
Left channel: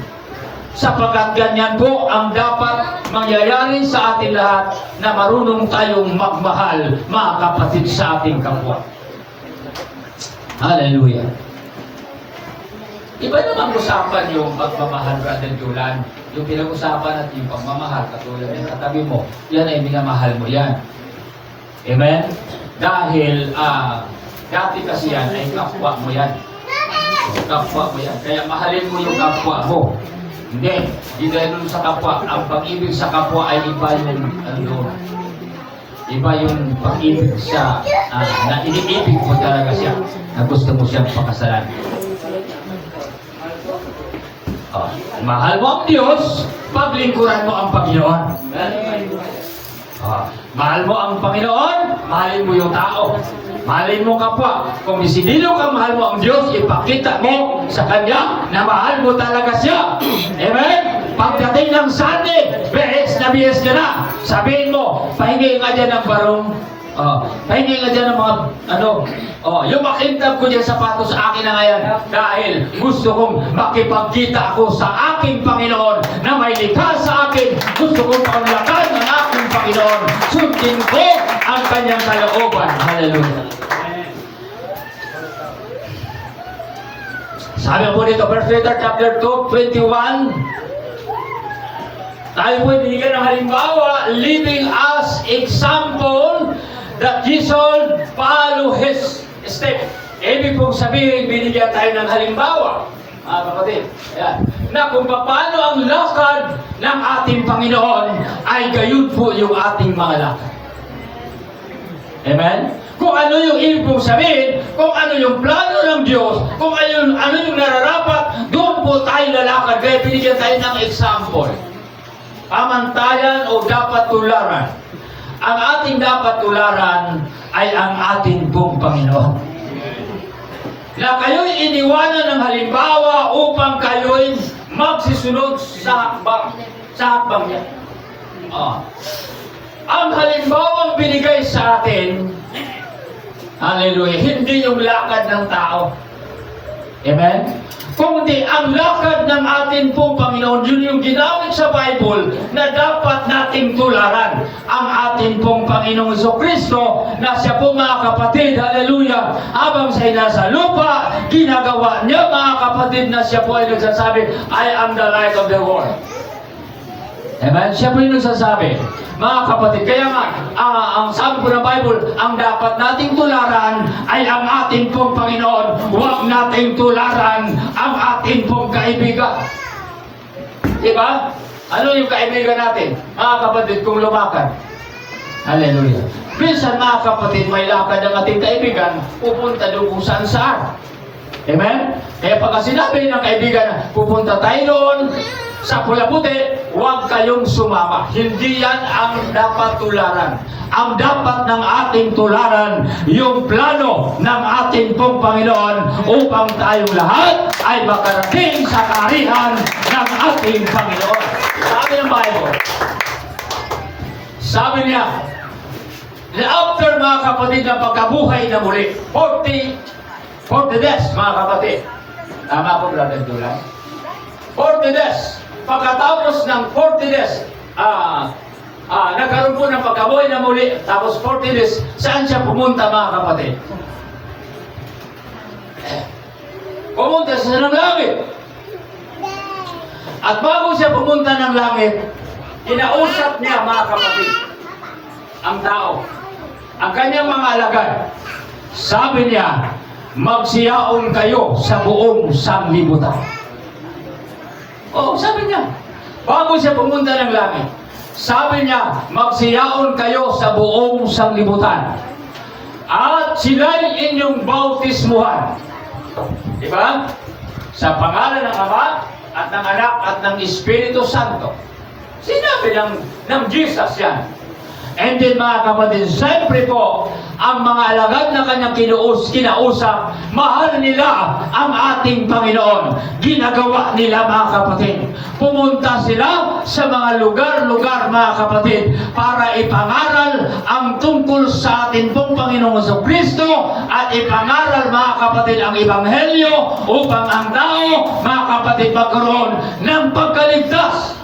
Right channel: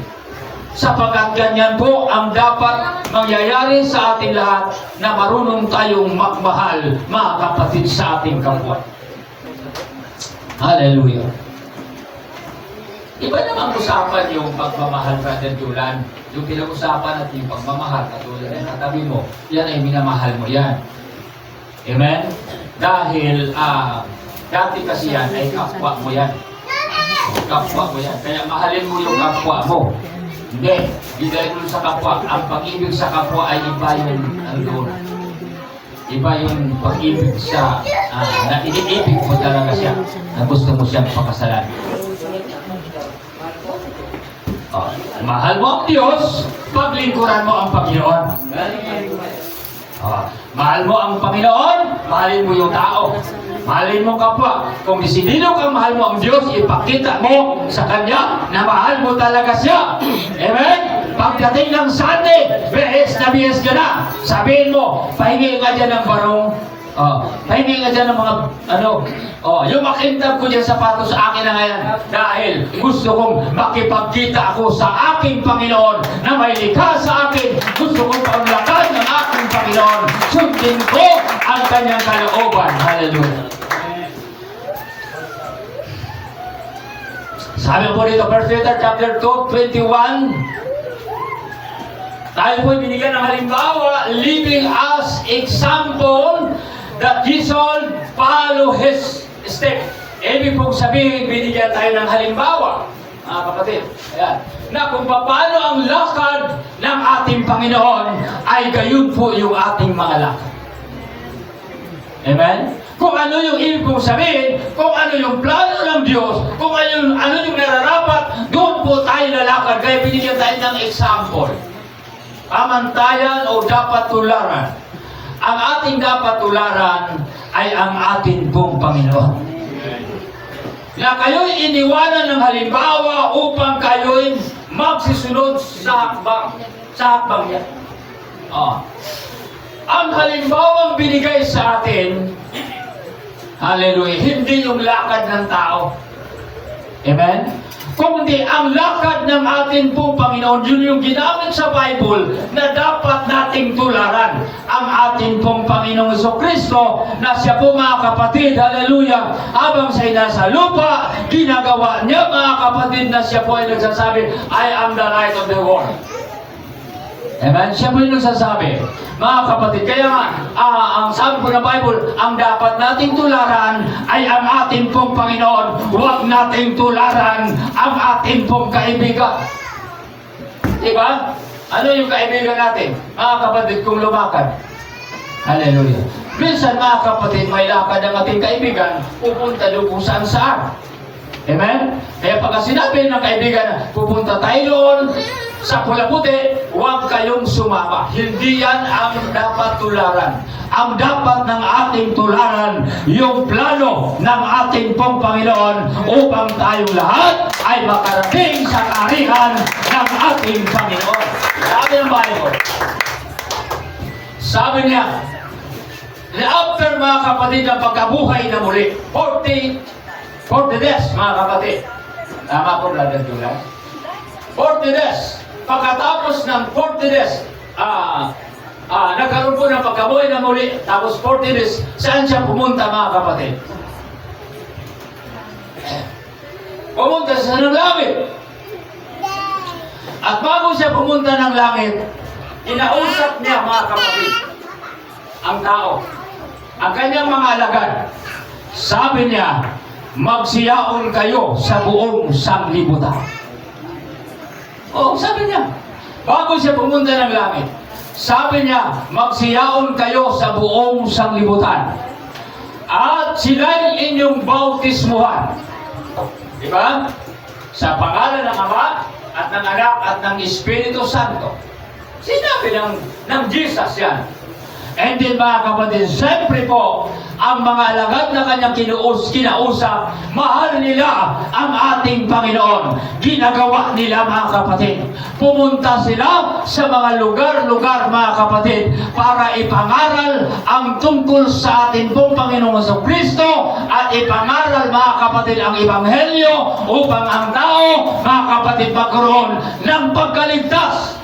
Sapagkat ganyan po ang dapat mangyayari sa atin lahat na marunong tayong magmahal, mga kapatid, sa ating kapwa. Hallelujah. Iba namang usapan yung pagmamahal, Brother Julan. Yung pinag-usapan natin yung pagmamahal, katulad ng katabi mo, yan ay minamahal mo yan. Amen? Dahil, dati kasi yan ay kapwa mo yan. Kapwa mo yan. Kaya mahalin mo yung kapwa mo. Hindi dahil sa kapwa. Ang pag-ibig sa kapwa ay iba yung iba yung pag-ibig sa na iniibig mo talaga siya, na gusto mo siyang pakasalan. Mahal mo ang Diyos, paglingkuran mo ang Panginoon. Mahal mo ang Panginoon, mahalin mo yung tao. Mahalin mo kapwa. Kung isinilo kang mahal mo ang Diyos, ipakita mo sa Kanya na mahal mo talaga siya. Amen? Pagdating ng Sunday, bihis ka na. Sabihin mo, pahingi nga dyan ng barong. Pahingi nga dyan ng mga, yung makintab ko dyan sapatos sa akin na ngayon. Dahil gusto kong makipagkita ako sa aking Panginoon na may likha sa akin. Gusto kong panglakan ng aking Panginoon. Sundin ko ang kanyang kalooban. Hallelujah. Sabi po dito, 1 Peter chapter 2, 21. Tayo po binigyan ng halimbawa, living as example that ye should follow His step. Ibig pong sabihin, binigyan tayo ng halimbawa, mga kapatid, ayan, na kung paano ang lakad ng ating Panginoon ay gayon po yung ating mga lakad. Amen? Kung ano yung ibig pong sabihin, kung ano yung plano ng Diyos, kung ano yung nararapat, doon po tayo lalakad. Kaya binigyan tayo ng example. Pamantayan o dapat tularan. Ang ating dapat tularan ay ang ating pong Panginoon. Na kayo'y iniwanan ng halimbawa upang kayo'y magsisunod sa hakbang niya. Ang halimbawang binigay sa atin, hallelujah, hindi yung lakad ng tao. Amen? Kundi ang lakad ng ating pong Panginoon, yun yung ginamit sa Bible na dapat nating tularan. Ang ating pong Panginoong Jesucristo na siya po, mga kapatid, hallelujah, habang siya nasa lupa, ginagawa niya, mga kapatid, na siya po ay nagsasabi, I am the light of the world. Amen? Siya po yung nagsasabi. Mga kapatid, kaya nga, ang sabi po ng Bible, ang dapat nating tularan ay ang ating pong Panginoon. Huwag nating tularan ang ating pong kaibigan. Diba? Ano yung kaibigan natin? Mga kapatid, kung lumakad. Hallelujah. Minsan, mga kapatid, may lakad ang ating kaibigan, pupunta doon kung saan-saan. Amen? Kaya pagka sinabi ng kaibigan, pupunta tayo doon sa Pulabuti, huwag kayong sumama. Hindi yan ang dapat tularan. Ang dapat ng ating tularan, yung plano ng ating pong Panginoon upang tayong lahat ay makarating sa kaharian ng ating Panginoon. Sabi ng Bible, sabi niya, na after, mga kapatid, ng pagkabuhay na muli, 40 days, mga kapatid. Tama po, Brother Julan? 40 days. Pagkatapos ng 40 days, nagkaroon po ng pagkabuhay na muli, tapos 40 days, saan siya pumunta mga kapatid? Pumunta siya ng langit. At bago siya pumunta ng langit, inausap niya mga kapatid, ang tao, ang kanyang mga alagad. Sabi niya, magsiyaon kayo sa buong sanglibutan. Sabi niya, bago siya pumunta ng langit, sabi niya, magsiyaon kayo sa buong sanglibutan. At sila'y inyong bautismuhan. Diba? Sa pangalan ng Ama, at ng Anak, at ng Espiritu Santo. Sinabi ng Jesus yan. And then mga kapatid, siyempre po, ang mga alagad na kanyang kinausap, mahal nila ang ating Panginoon. Ginagawa nila mga kapatid. Pumunta sila sa mga lugar-lugar mga kapatid para ipangaral ang tungkol sa ating pong Panginoong Jesucristo at ipangaral mga kapatid ang Ebanghelyo upang ang tao mga kapatid magkaroon ng pagkaligtas.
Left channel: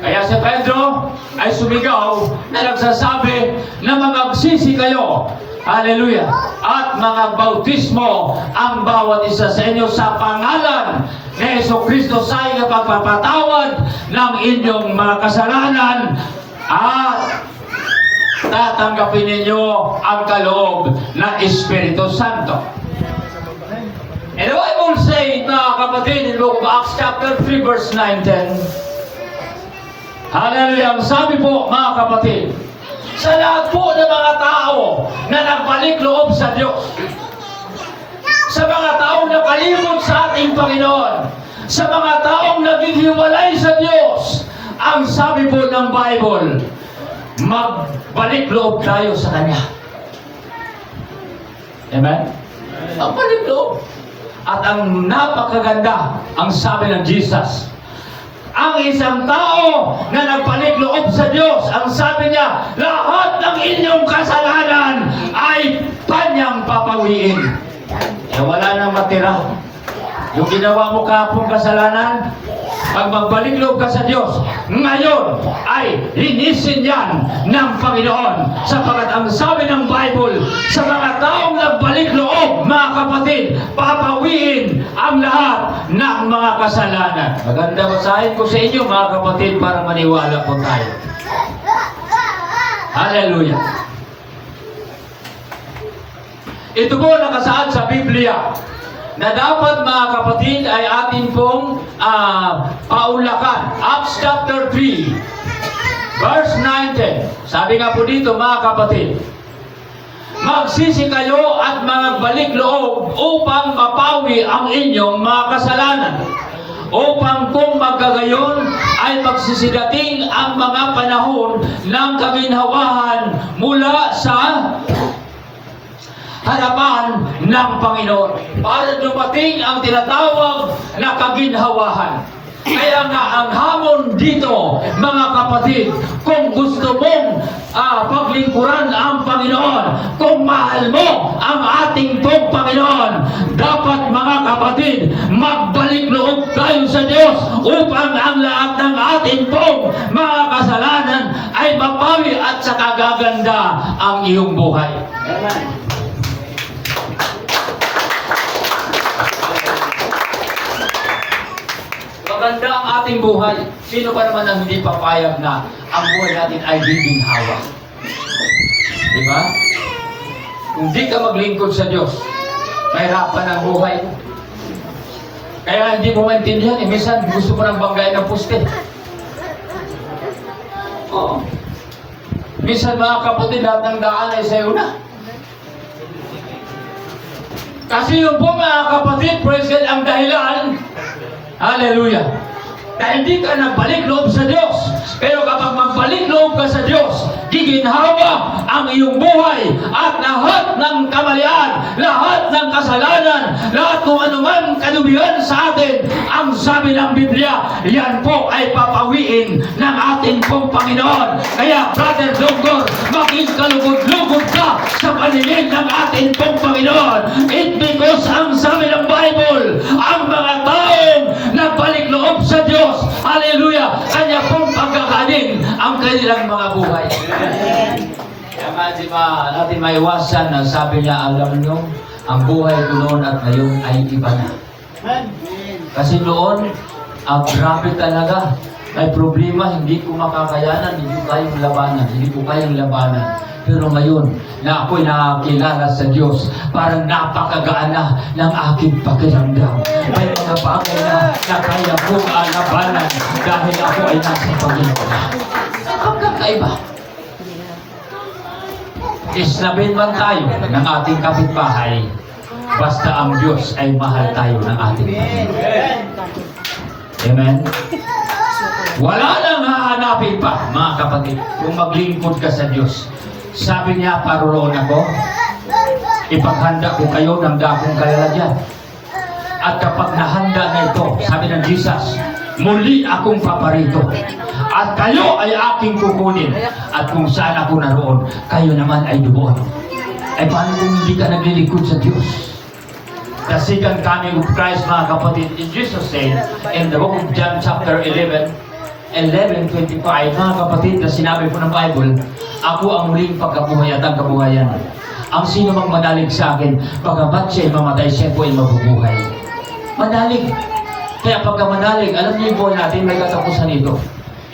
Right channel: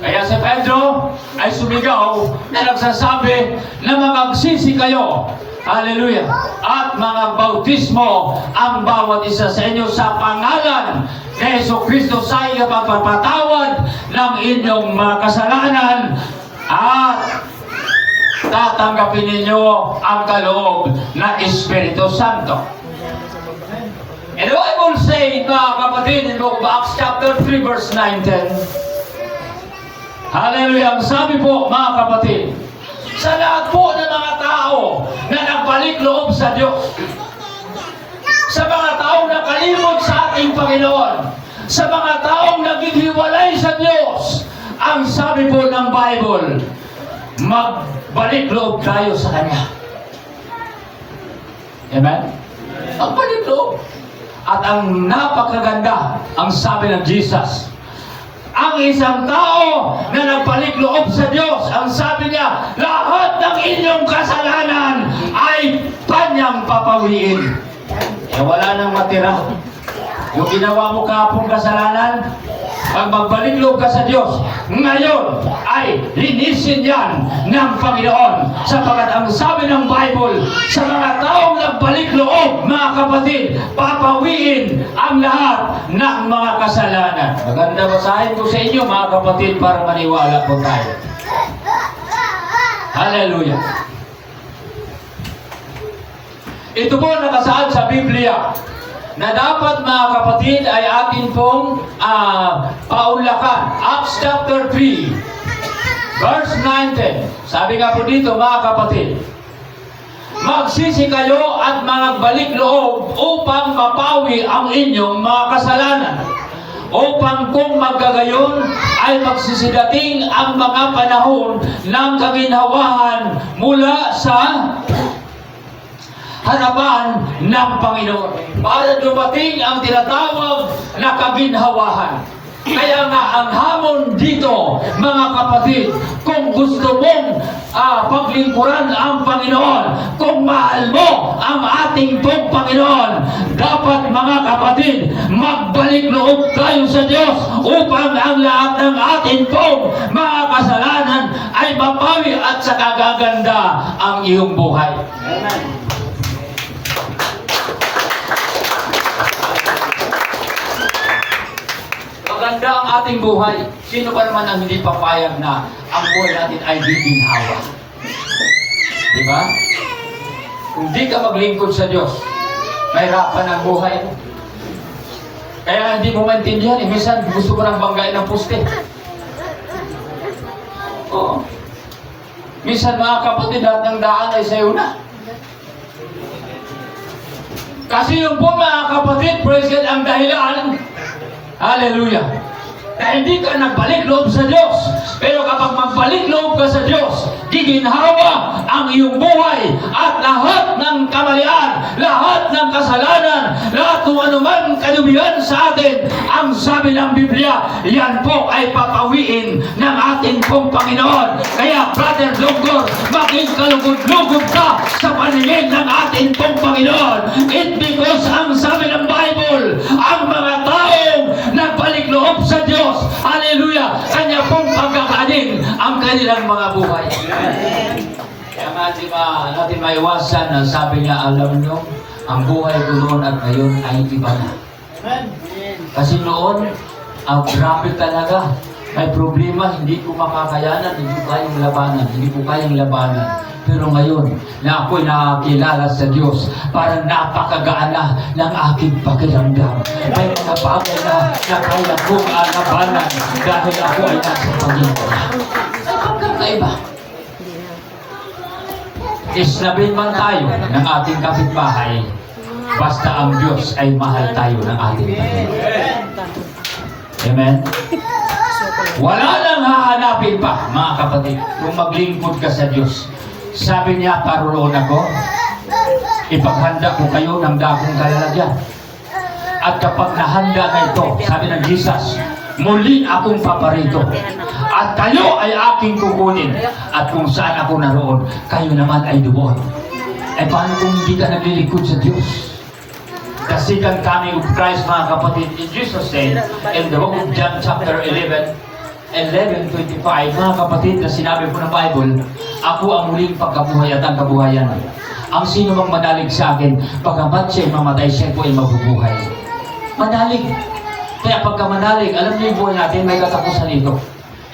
Kaya si Pedro ay sumigaw na nagsasabi na magsisi kayo. Hallelujah. At mga bautismo ang bawat isa sa inyo sa pangalan ni Jesucristo sa pagpapatawad ng inyong mga kasalanan at tatanggapin ninyo ang kaloob na Espiritu Santo. And the Bible says, mga kapatid, in the book of Acts chapter 3 verse 9-10, hallelujah. Ang sabi po mga kapatid, sa lahat po ng mga tao na nagbalik loob sa Diyos, sa mga taong nakalibot sa ating Panginoon, sa mga taong naghihiwalay sa Diyos, ang sabi po ng Bible, magbalik loob tayo sa Kanya. Amen? Magbalik loob. At ang napakaganda, ang sabi ng Jesus, ang isang tao na nagpalit loob sa Diyos, ang sabi niya, lahat ng inyong kasalanan ay Kanyang papawiin. Wala nang matira. Yung ginawa mo kahapong kasalanan, pag magbalik loob ka sa Diyos, ngayon ay linisin yan ng Panginoon. Sapagkat ang sabi ng Bible, sa mga taong nagbalik loob, mga kapatid, papawiin ang lahat ng mga kasalanan. Maganda basahin ko sa inyo, mga kapatid, para maniwala po tayo. Hallelujah. Ito po nakasaad sa Biblia na dapat mga kapatid ay atin pong paunlakan. Acts chapter 3 verse 19. Sabi nga po dito mga kapatid, magsisi kayo at magbalik loob upang mapawi ang inyong mga kasalanan, upang kung magkagayon ay magsisidating ang mga panahon ng kaginhawahan mula sa harapan ng Panginoon, para dumating ang tinatawag na kaginhawahan. Kaya nga ang hamon dito, mga kapatid, kung gusto mong paglingkuran ang Panginoon, kung mahal mo ang ating pong Panginoon, dapat mga kapatid, magbalik loob tayo sa Diyos upang ang lahat ng ating pong mga kasalanan ay mapawi at saka gaganda ang iyong buhay. Amen. Maganda ang ating buhay. Sino pa naman ang hindi papayag na ang buhay natin ay giginhawa? Diba? Kung di ka maglingkod sa Diyos, mahirapan ang buhay mo. Kaya hindi mo maintindihan. Minsan gusto mo nang banggain ng puste. Oo. Minsan mga kapatid, lahat ng daan ay sa'yo na. Kasi yung po mga kapatid, praise God, ang dahilan, hallelujah, na hindi ka nagbalik loob sa Diyos. Pero kapag magbalik loob ka sa Diyos, giginhawa ang iyong buhay at lahat ng kamalian, lahat ng kasalanan, lahat ng anuman kalubihan sa atin, ang sabi ng Biblia, yan po ay papawiin ng ating pong Panginoon. Kaya, Brother Dongor, maging kalugod-lugod ka sa paningin ng ating pong Panginoon. It because ang sabi ng Bible, ang mga taong nagbalik loob sa Diyos, hallelujah, kanya pong pagkakanin ang kanilang mga buhay. Kaya nga di ba natin maiwasan na sabi niya, alam nyo, ang buhay ko noon at ngayon ay iba na. Kasi noon, ang grabe talaga. May problema, hindi ko makakayanan, hindi ko kayang labanan. Pero ngayon, na ako'y nakakilala sa Diyos, parang napakagaan na ng aking pakiramdam. May mga bagay na kaya kong labanan dahil ako ay nasa Panginoon. Ay pagkakaiba. Islabin man tayo ng ating kapitbahay, basta ang Diyos ay mahal tayo ng ating Panginoon. Amen? Wala nang hahanapin pa, mga kapatid, kung maglingkod ka sa Diyos. Sabi niya, paroroon ako, ipaghanda ko kayo ng dakong kalalagyan. At kapag nahanda na ito, sabi ng Jesus, muli akong paparito. At kayo ay aking kukunin. At kung saan ako naroon, kayo naman ay doon. Eh paano kung hindi ka naglilingkod sa Diyos? The second coming of Christ, mga kapatid, Jesus said in the book of John chapter 11:25, mga kapatid, na sinabi po ng Bible, ako ang muling pagkabuhay at ang kabuhayan. Ang sino mang manalig sa akin, pagamat siya'y mamatay, siya po ay mabubuhay. Manalig. Kaya pagka manalig, alam niyo yung buhay natin, may katapusan ito.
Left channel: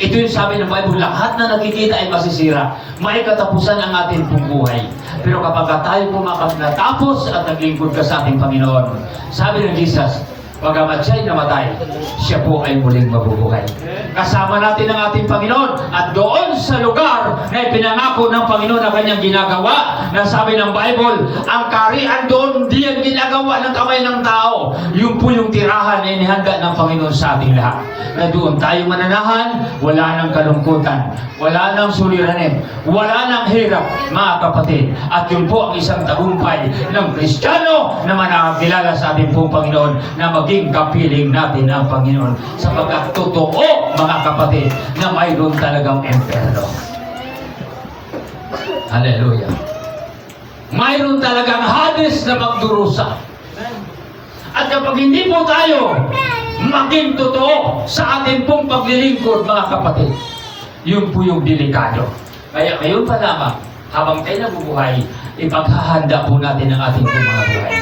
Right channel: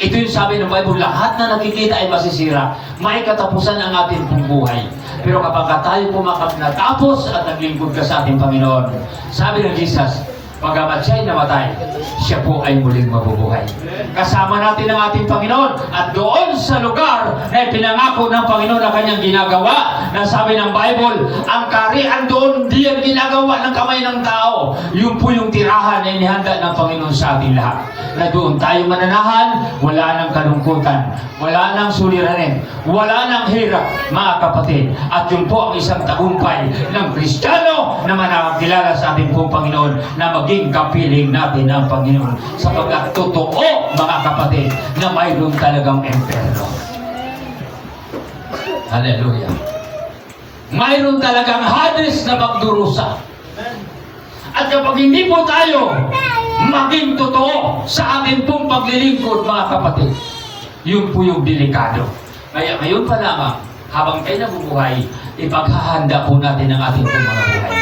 Ito yung sabi ng Bible, lahat na nakikita ay masisira. May katapusan ang ating pong buhay. Pero kapag tayo natapos at naglingkod ka sa ating Panginoon, sabi ng Jesus, pagamat siya'y namatay, siya po ay muling mabubuhay. Kasama natin ang ating Panginoon at doon sa lugar na ipinangako ng Panginoon na kanyang ginagawa, na sabi ng Bible, ang kaharian doon di ang ginagawa ng kamay ng tao. Yun po yung tirahan na inihanda ng Panginoon sa ating lahat. Na doon tayo mananahan, wala nang kalungkutan, wala nang suliranin, wala nang hirap, mga kapatid. At yun po ang isang tagumpay ng Kristiyano na manakakilala sa ating pong Panginoon, na maging kapiling natin ang Panginoon, sapagkat totoo, mga kapatid, na mayroon talagang impyerno. Hallelujah. Mayroon talagang Hades na magdurusa. At kapag hindi po tayo maging totoo sa ating pong paglilingkod, mga kapatid, yun po yung delikado. Kaya ngayon pa lamang, habang tayo nabubuhay, ipaghahanda po natin ang ating pong mga buhay.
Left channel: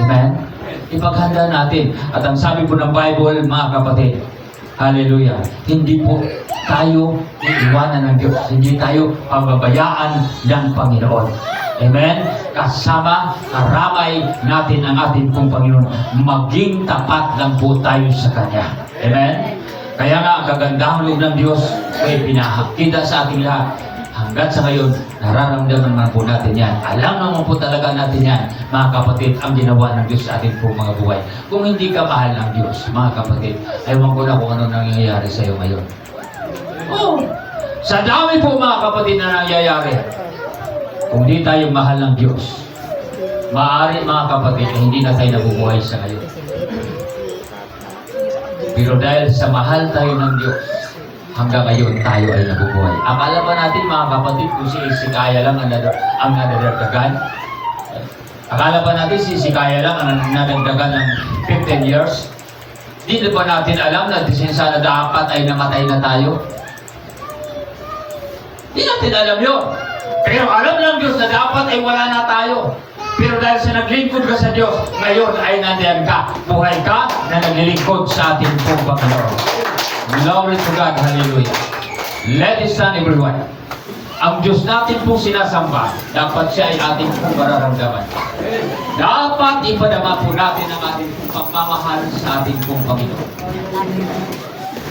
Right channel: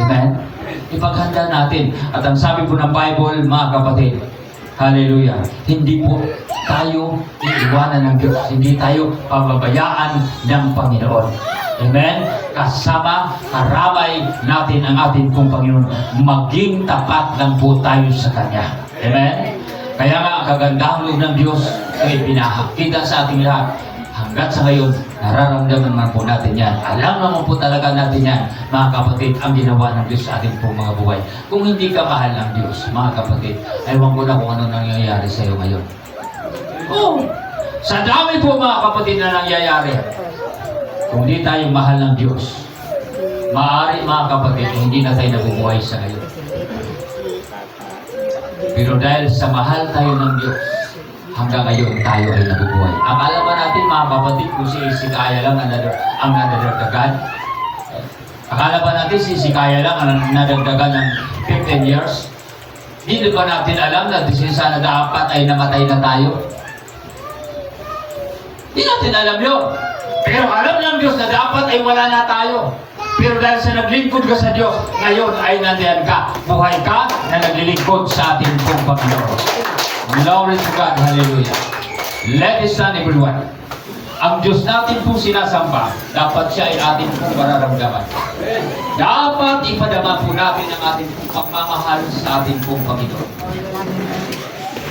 Amen? Ipaghanda natin. At ang sabi po ng Bible, mga kapatid, hallelujah, hindi po tayo iiwanan ng Diyos. Hindi tayo pababayaan ng Panginoon. Amen? Kasama, karamay natin ang ating pong Panginoon. Maging tapat lang po tayo sa Kanya. Amen? Kaya nga, ang kagandahang loob ng Diyos ay pinakita sa ating lahat. Hanggat sa ngayon, nararamdaman naman po natin yan. Alam naman po talaga natin yan, mga kapatid, ang ginawa ng Diyos sa ating po mga buhay. Kung hindi ka mahal ng Diyos, mga kapatid, ayaw ko na kung ano nangyayari sa iyo ngayon. Oh, sa dami po, mga kapatid, na nangyayari, kung hindi tayo mahal ng Diyos, maaari, mga kapatid, hindi na tayo nabubuhay sa ngayon. Pero dahil sa mahal tayo ng Diyos, hanggang ngayon tayo ay nabubuhay. Akala ba natin, mga kapatid, kung si Hezekiah lang ang nadadagdagan? Akala ba natin si Hezekiah lang ang nadagdagan ng 15 years? Hindi ba natin alam na sana dapat ay namatay na tayo? Hindi natin alam yun. Pero alam ng Diyos na dapat ay wala na tayo. Pero dahil sa naglingkod ka sa Diyos, ngayon ay nandiyan ka. Buhay ka na naglilingkod sa ating pong Panginoon. Glory to God. Hallelujah. Let us stand, everyone. Ang Diyos natin pong sinasamba, dapat siya ay ating pong mararamdaman. Dapat ipadama po natin ang ating pong pagmamahal sa ating pong Panginoon.